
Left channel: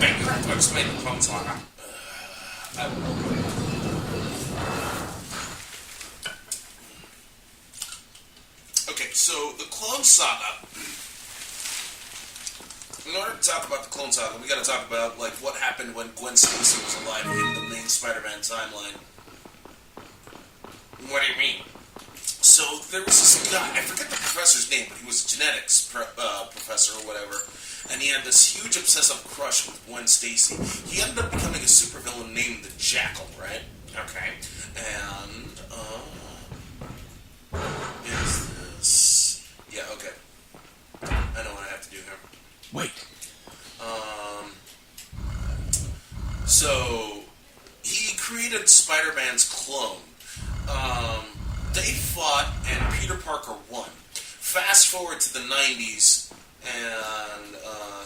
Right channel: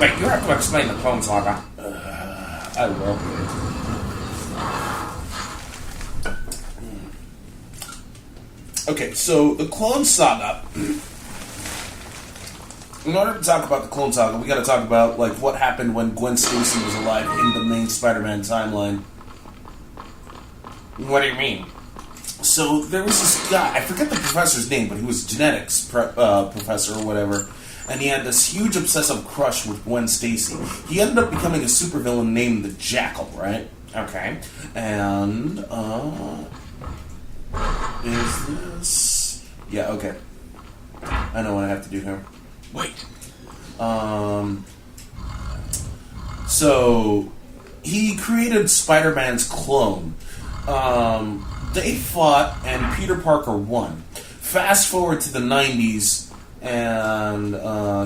Wait, you have to explain the Clone Saga. I will. Okay, so the Clone Saga in order to talk about the Clone Saga, we gotta talk about, like, what happened when Gwen Stacy was alive in the main Spider-Man timeline. What do you mean? So, there was this guy, I forget the professor's name, but he was a genetics professor or whatever, and he had this huge obsessive crush with Gwen Stacy. He ended up becoming a supervillain named the Jackal, right? Okay. And, is this... Yeah, okay. I know what I have to do here. Wait. So, he created Spider-Man's clone. They fought, and Peter Parker won. Fast forward to the 90s, and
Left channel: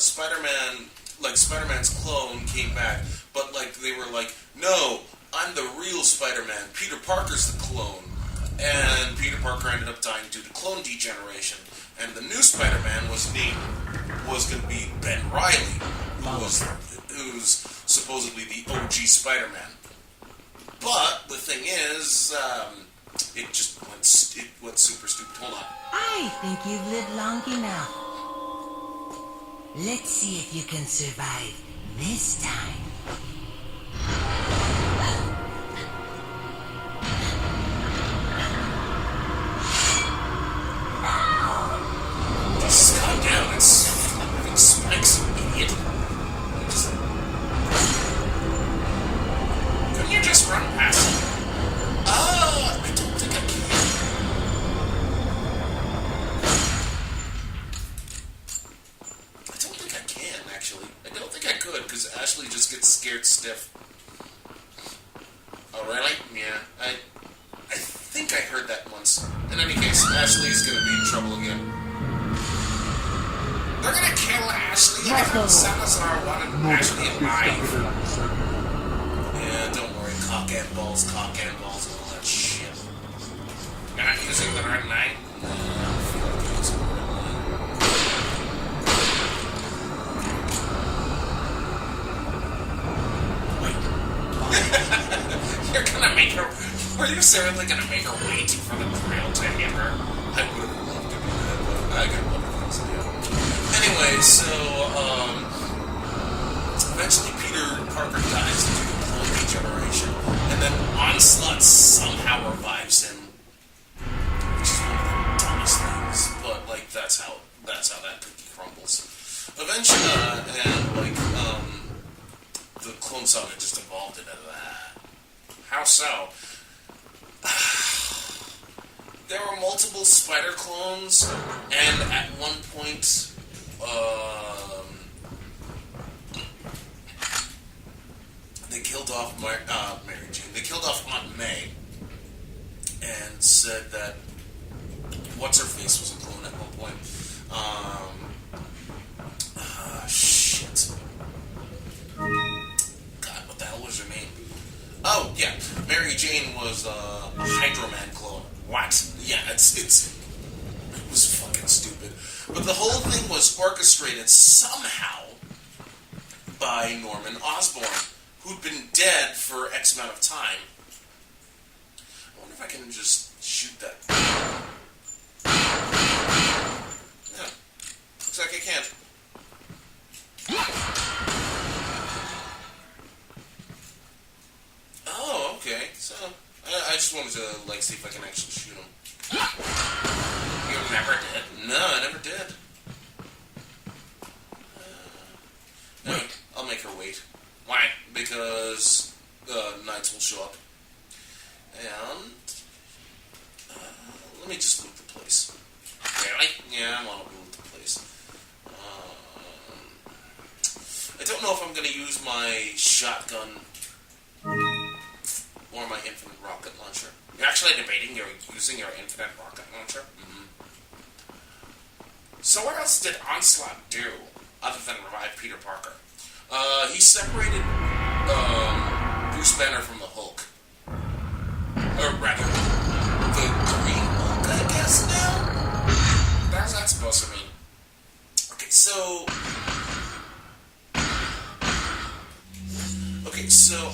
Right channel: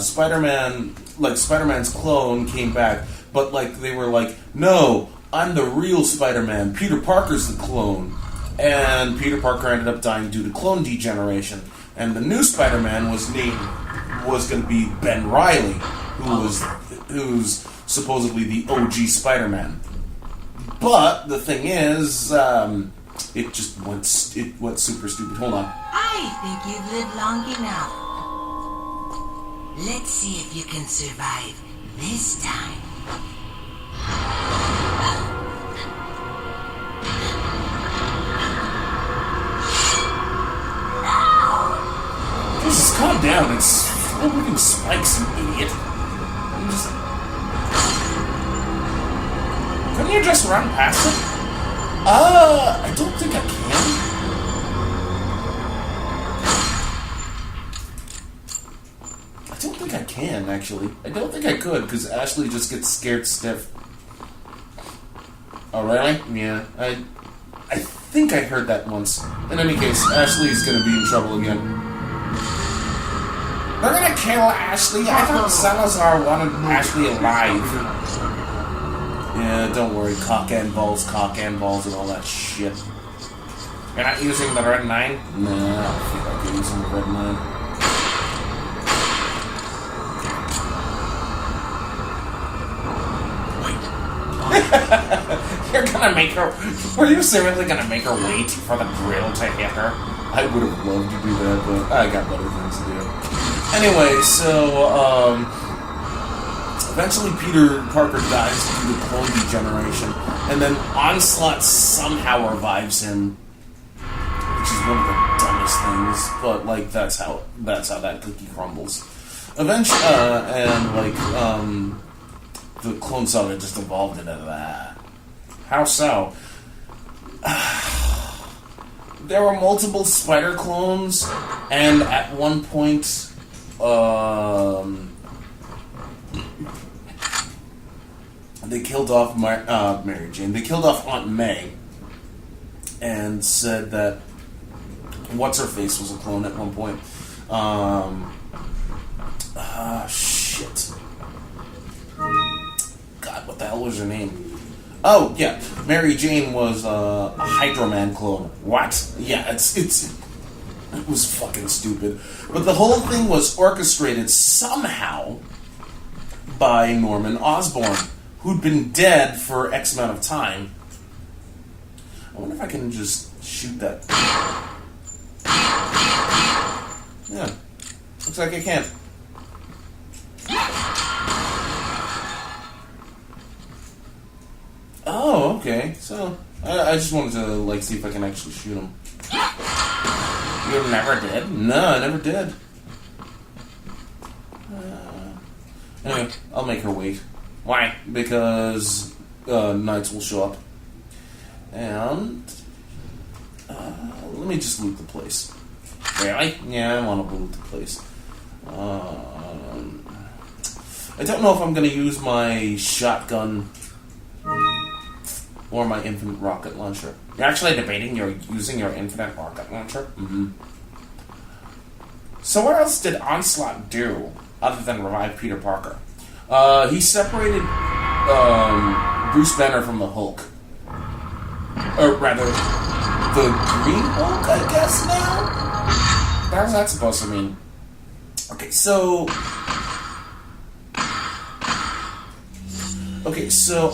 Spider-Man's clone came back, but, like, they were like, no, I'm the real Spider-Man, Peter Parker's the clone. And Peter Parker ended up dying due to clone degeneration. And the new Spider-Man was going to be Ben Reilly, who's supposedly the OG Spider-Man. But the thing is, it went super stupid. Hold on. I think you've lived long enough. Let's see if you can survive this time. Just calm down. It's moving spikes, you idiot. Couldn't you just run past it? I don't think I can. I don't think I can, actually. I don't think I could, because Ashley just gets scared stiff. Oh, really? Yeah. I think I heard that once. In any case, Ashley's gonna be in trouble again. They're gonna kill Ashley. I thought Salazar wanted Ashley alive. Yeah, don't worry. Cock and balls, and all that shit. You're not using the red 9? No, I don't feel like you're using the red 9. You're gonna make her... Were you seriously gonna make her wait for the drill to hit her? I would have loved to do that, but I got better things to do. Anyway, so, eventually Peter Parker dies due to clone degeneration, and then Onslaught somehow revives him, which is one of the dumbest things, but, like, that's how that cookie crumbles. Eventually, the Clone Saga just evolved into that. How so? There were multiple spider clones, and at one point, they killed off Mary Jane. They killed off Aunt May, and said that What's-Her-Face was a clone at one point. Shit. God, what the hell was her name? Oh, yeah. Mary Jane was a Hydro Man clone. What? Yeah, it was fucking stupid. But the whole thing was orchestrated somehow by Norman Osborn, who'd been dead for X amount of time. I wonder if I can just shoot that. Yeah. Looks like I can't. Oh, okay. So, I just wanted to, like, see if I can actually shoot him. You never did? No, I never did. Anyway, I'll make her wait. Why? Because knights will show up. And let me just loot the place. Really? Yeah, I want to loot the place. I don't know if I'm going to use my shotgun or my infinite rocket launcher. You're actually debating you're using your infinite rocket launcher? Mm-hmm. So what else did Onslaught do other than revive Peter Parker? He separated Bruce Banner from the Hulk. Or rather, the Green Hulk, I guess now? How's that supposed to mean? Okay, so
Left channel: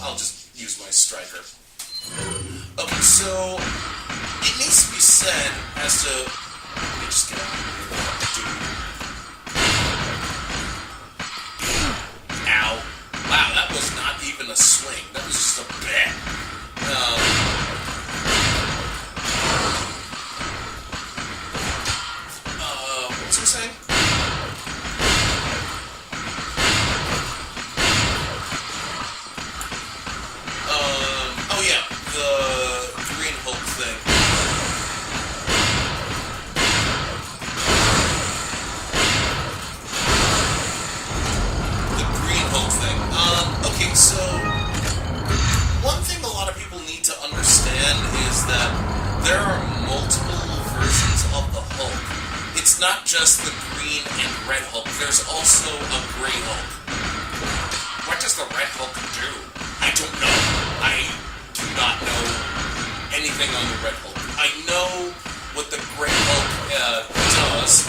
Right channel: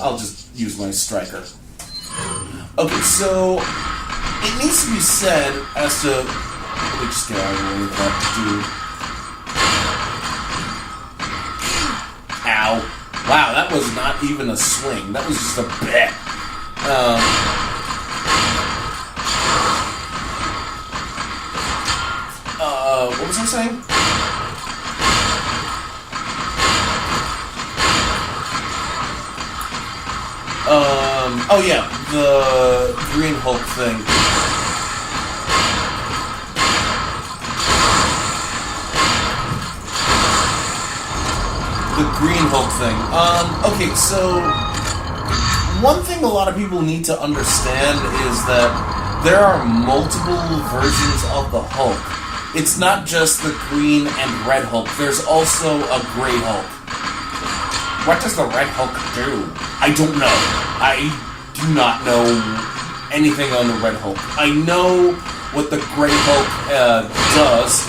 I'll just use my striker. Okay, so it needs to be said as to... Let me just get out of the way of that Wow. Wow, that was not even a swing. That was just a bit. What was I saying? Oh yeah, the Green Hulk thing. The Green Hulk thing. Okay, so one thing a lot of people need to understand is that there are multiple versions of the Hulk. It's not just the Green and Red Hulk. There's also a Gray Hulk. What does the Red Hulk do? I don't know. I do not know anything on the Red Hulk. I know what the Gray Hulk does.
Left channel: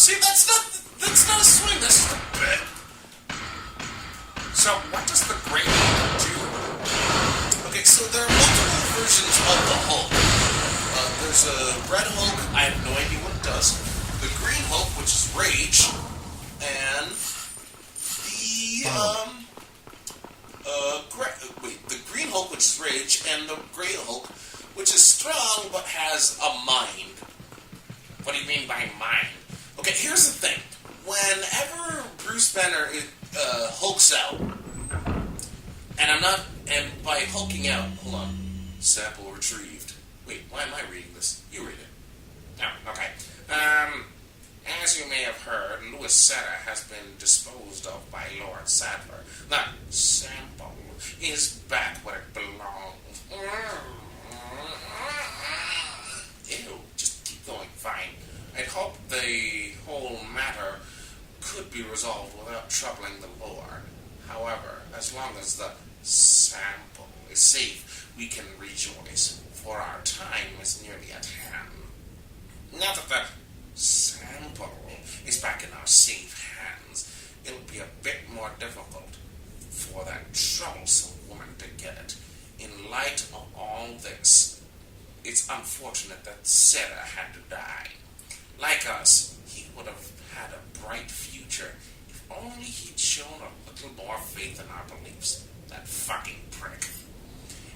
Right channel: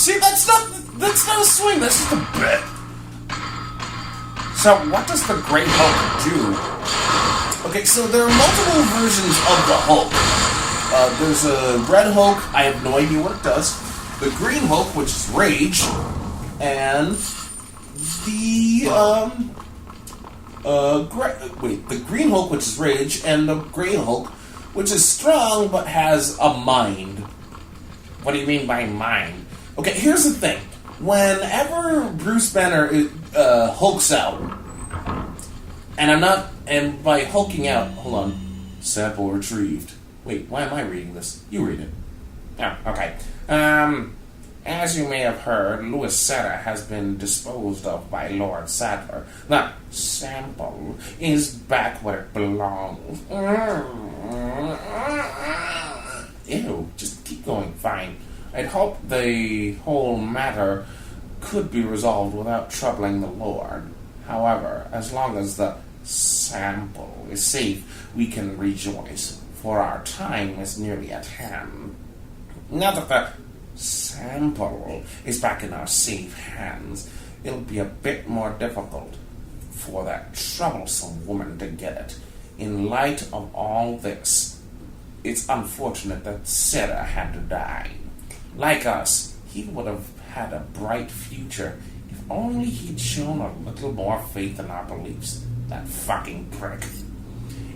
See, that's not a swing. That's just a bit. So, what does the Gray Hulk do? Okay, so there are multiple versions of the Hulk. There's a Red Hulk. I have no idea what it does. The Green Hulk, which is Rage, and the Green Hulk, which is Rage, and the Gray Hulk, which is strong but has a mind. What do you mean by mind? Okay, here's the thing. Whenever Bruce Banner hulks out, and by hulking out, hold on, sample retrieved. Wait, why am I reading this? You read it. Oh, okay. As you may have heard, Louis Seta has been disposed of by Lord Sadler. The sample is back where it belongs. Ew, just keep going, fine. I'd hope the whole matter could be resolved without troubling the Lord. However, as long as the sample is safe, we can rejoice, for our time is nearly at hand. Now that the sample is back in our safe hands, it'll be a bit more difficult for that troublesome woman to get it. In light of all this, it's unfortunate that Sarah had to die. Like us, he would have had a bright future if only he'd shown a little more faith in our beliefs. That fucking prick.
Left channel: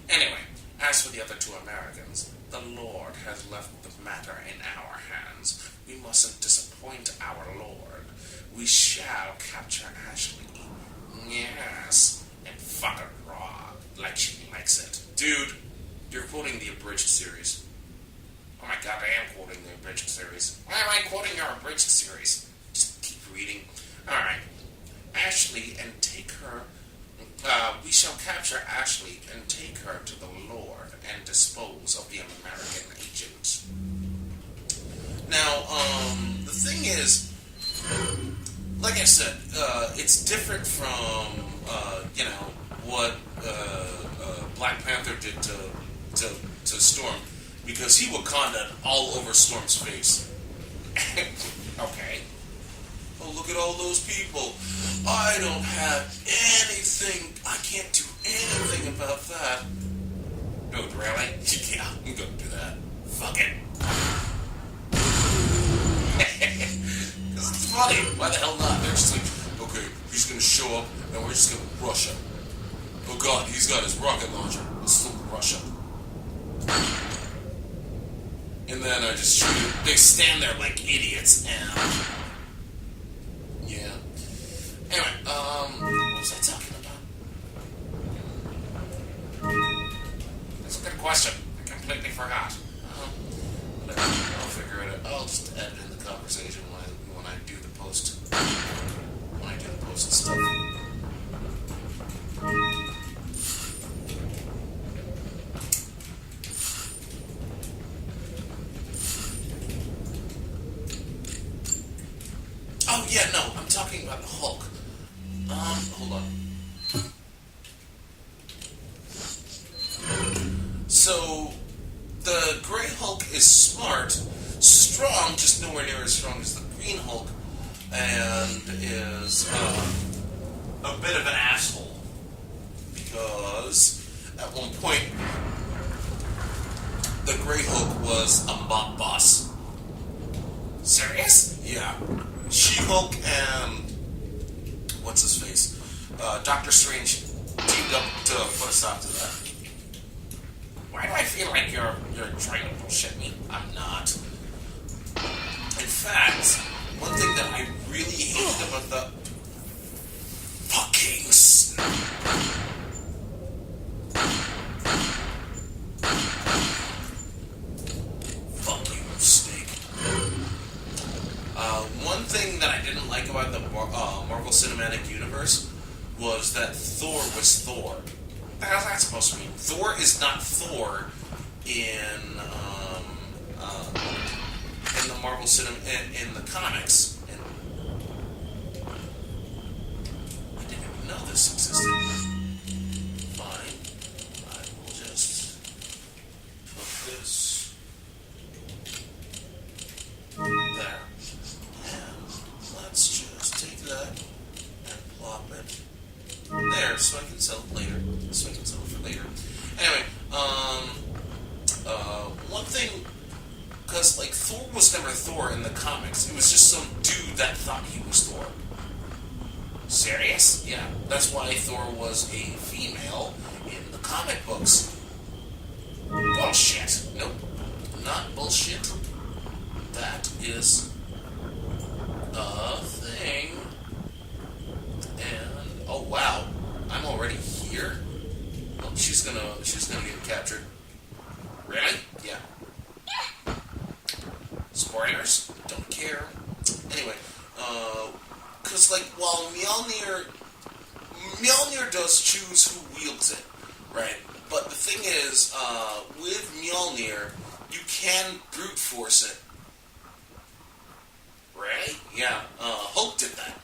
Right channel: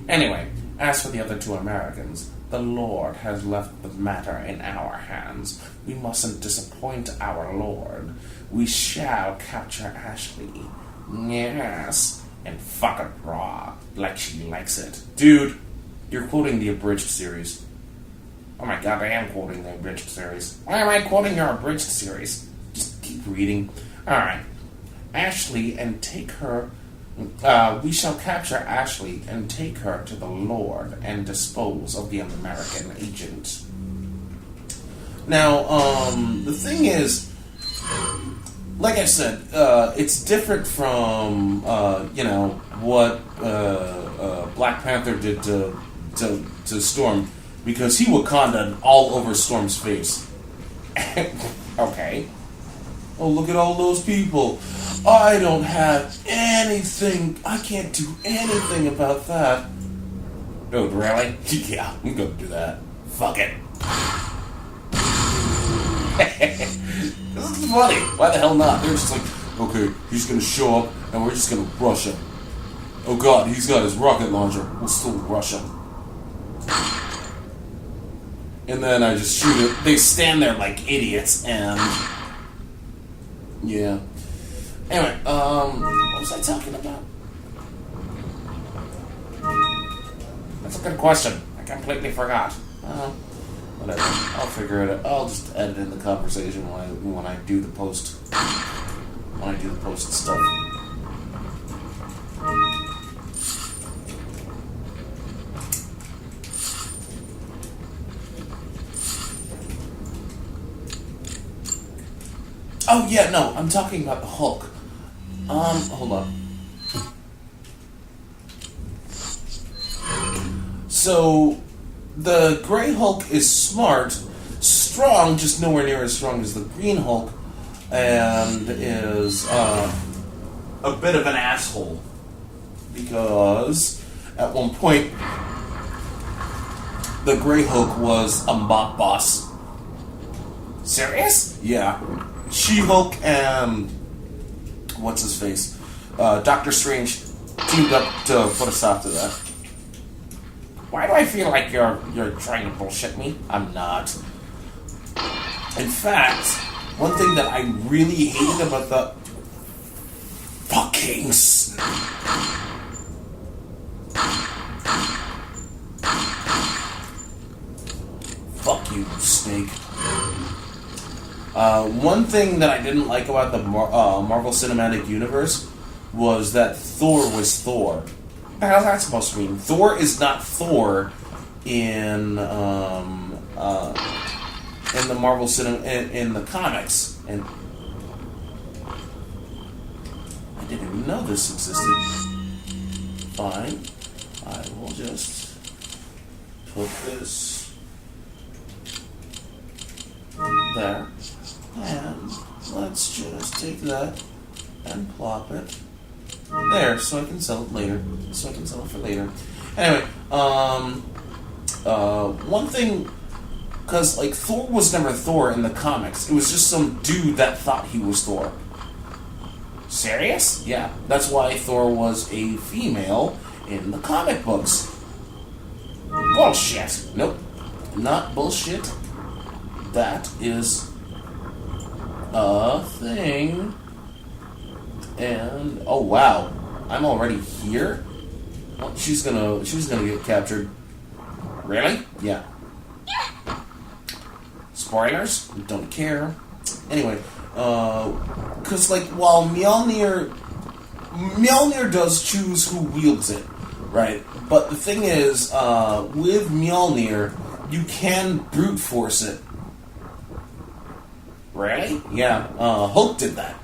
Anyway, as for the other two Americans, the Lord has left the matter in our hands. We mustn't disappoint our Lord. We shall capture Ashley. Yes, and fuck it raw, like she likes it. Dude, you're quoting the abridged series. Oh my god, I am quoting the abridged series. Why am I quoting your abridged series? Just keep reading. Alright. Ashley and take her... we shall capture Ashley and take her to the Lord and dispose of the American agent. Now, the thing is, like I said, it's different from, what Black Panther did to Storm, because he Wakandaed all over Storm's face. Okay. Oh, look at all those people. I don't have anything. I can't do anything about that. Dude, really? Yeah, I'm gonna do that. Fuck it. This is funny. Why the hell not? They're just like, okay, he's gonna show up and we're just gonna rush him. Oh god, he's got his rocket launcher. We'll still rush him. And then I just shoot it. They stand there like idiots and... yeah. Anyway, what was I talking about? That's a good question. I completely forgot. Whatever. I'll figure it out. I'll just edit in the conversation when I do the post. When I do the post stuff. Oh yeah, no, I'm talking about the Hulk. Hold on. So, the Grey Hulk is smart, strong, just nowhere near as strong as the Green Hulk, and is a bit of an asshole. Because at one point, the Grey Hulk was a mob boss. Serious? Yeah. She-Hulk and what's his face? Doctor Strange teamed up to put a stop to that. Why do I feel like you're trying to bullshit me? I'm not. In fact, one thing that I really hated about the fucking fuck you, snake. One thing that I didn't like about the Marvel Cinematic Universe was that Thor was Thor. What the hell is that supposed to mean? Thor is not Thor in the Marvel in the comics, and I didn't even know this existed. Fine, I will just put this there, and let's just take that and plop it there, so I can sell it later. So I can sell it for later. Anyway, one thing, because like Thor was never Thor in the comics. It was just some dude that thought he was Thor. Serious? Yeah, that's why Thor was a female in the comic books. Bullshit. Nope, not bullshit. That is a thing. And oh wow, I'm already here. Well, she's gonna get captured. Really? Yeah. Spoilers? Don't care. Anyway, because like while Mjolnir does choose who wields it, right? But the thing is, with Mjolnir, you can brute force it. Really? Yeah. Hulk did that.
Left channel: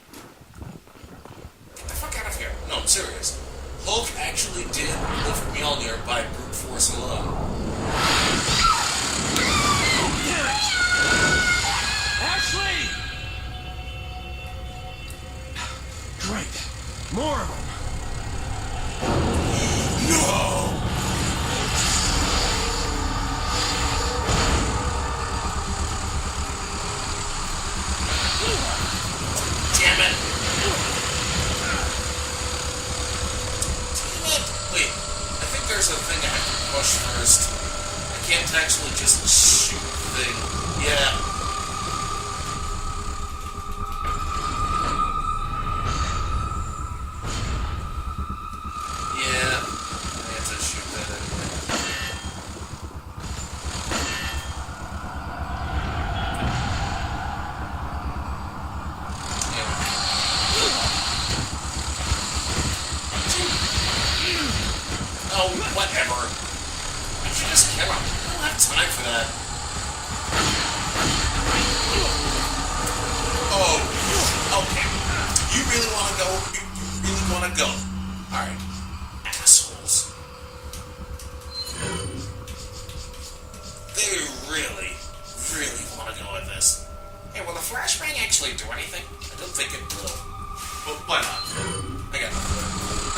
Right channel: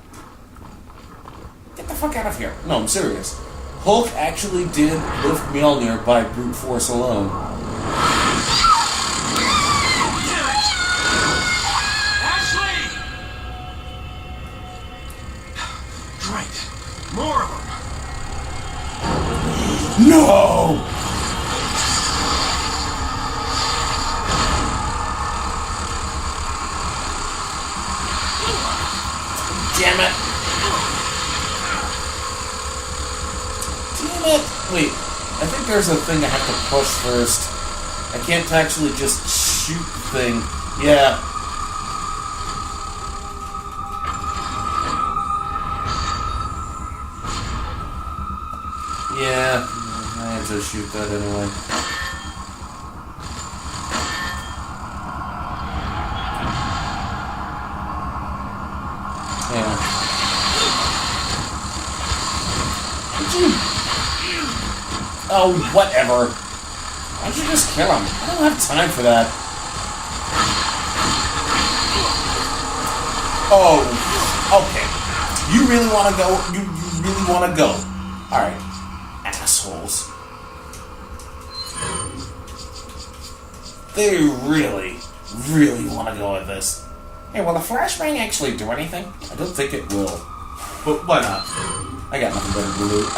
Get the fuck out of here. No, I'm serious. Hulk actually did lift Mjolnir by brute force alone. Ashley! Great. More of them. No! Damn it! Damn it! Wait, I think there's a thing I have to push first. I can't actually just shoot the thing. Yeah. Yeah, I had to shoot that anyway. Yeah. Oh, whatever. Why don't you just kill him? I don't have time for that. Oh, okay. You really want to go? You really want to go? Alright. Assholes. They really, really want to go with this. Hey, will the flashbang actually do anything? I don't think it will. But why not? I got nothing to lose.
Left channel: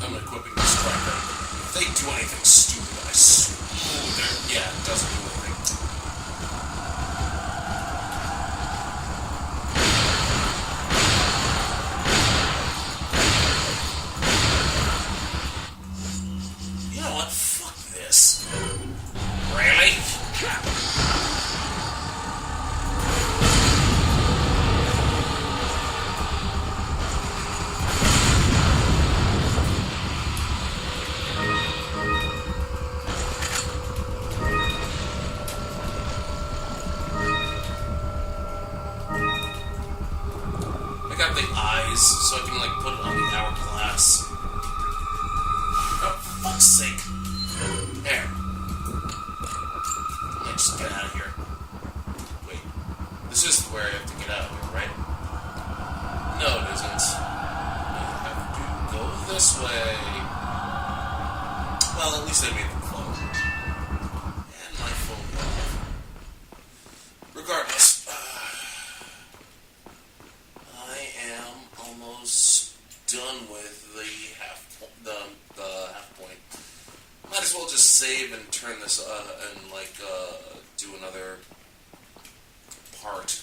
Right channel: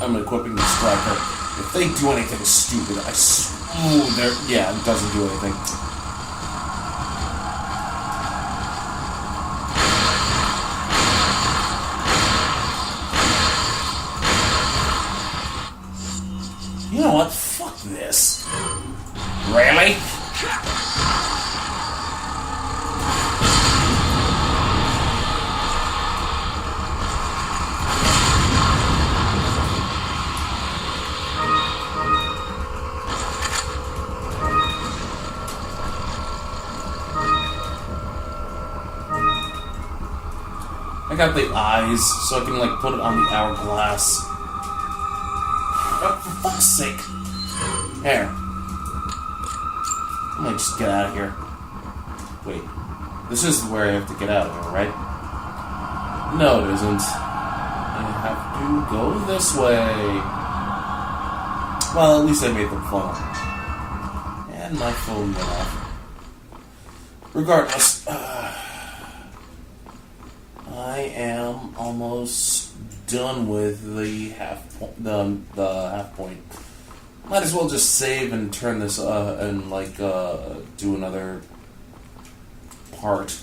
I'm equipping the striker. If they do anything stupid, yeah, it doesn't do anything. You know what? Fuck this. Really? I got the eyes, so I can like put it on the hourglass. Oh, for fuck's sake. Here. Let me just get out of here. Wait. This is where I have to get out of here, right? No, it isn't. You have to go this way. Well, at least I made the phone. And my phone went off. Regardless. I am almost done with the half point. Might as well just save and turn this and do another part.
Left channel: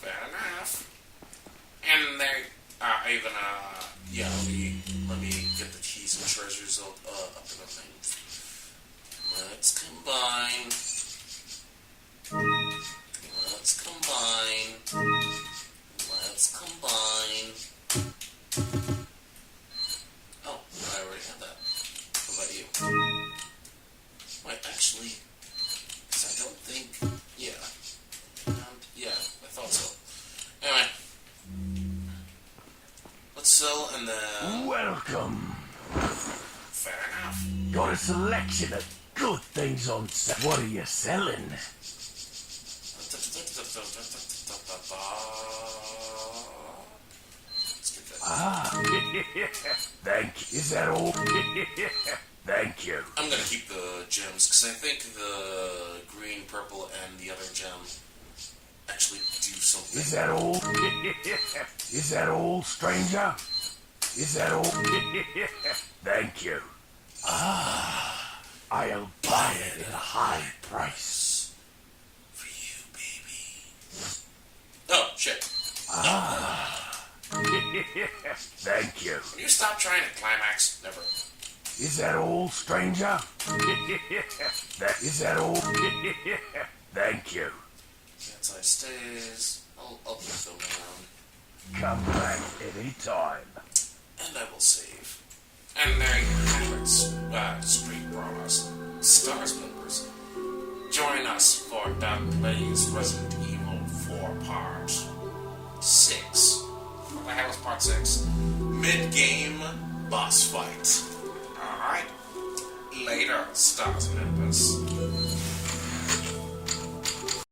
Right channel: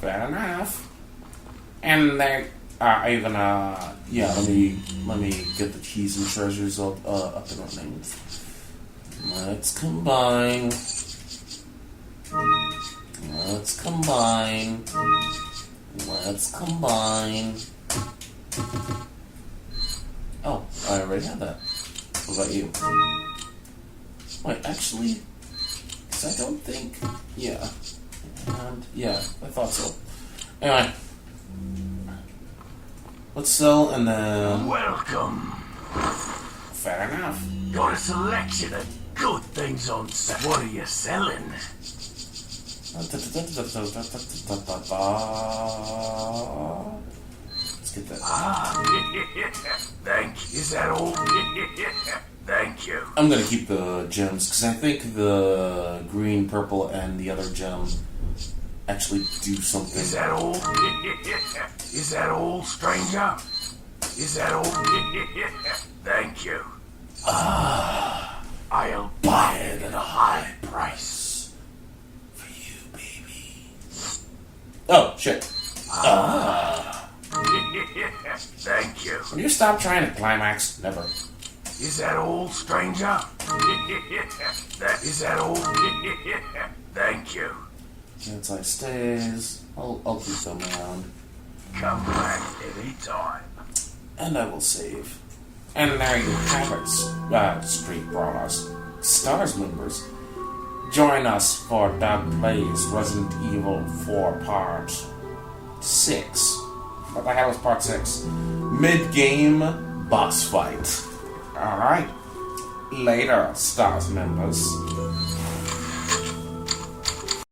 Fair enough. And there, even let me get the keys and treasures up and running. Let's combine. Let's combine. Let's combine. Oh, I already had that. What about you? Wait, actually, because I don't think. Yeah. And yeah, I thought so. Anyway, let's sell and then. Welcome. Fair enough. Got a selection of good things on sale. What are you selling? Let's get that. Thank you. Is that all? Thank you. I'm gonna keep the gems because I think the green, purple, and the other gem actually do something. Is that all? Is that all, stranger? Is that all? Thank you. I'll buy it at a high price. For you, baby. Oh, shit. Thank you. Will you stop trying to climax? Never. Is that all, stranger? Is that all? Thank you. Inside stays. I'll keep them around. Come back anytime. And I will save. And there you have it, Street Brawlers. Stars members. Join us for Dark Plays Resident Evil 4 Part 6. What the hell is Part 6? Mid-game boss fight. Alright. Later, Stars members.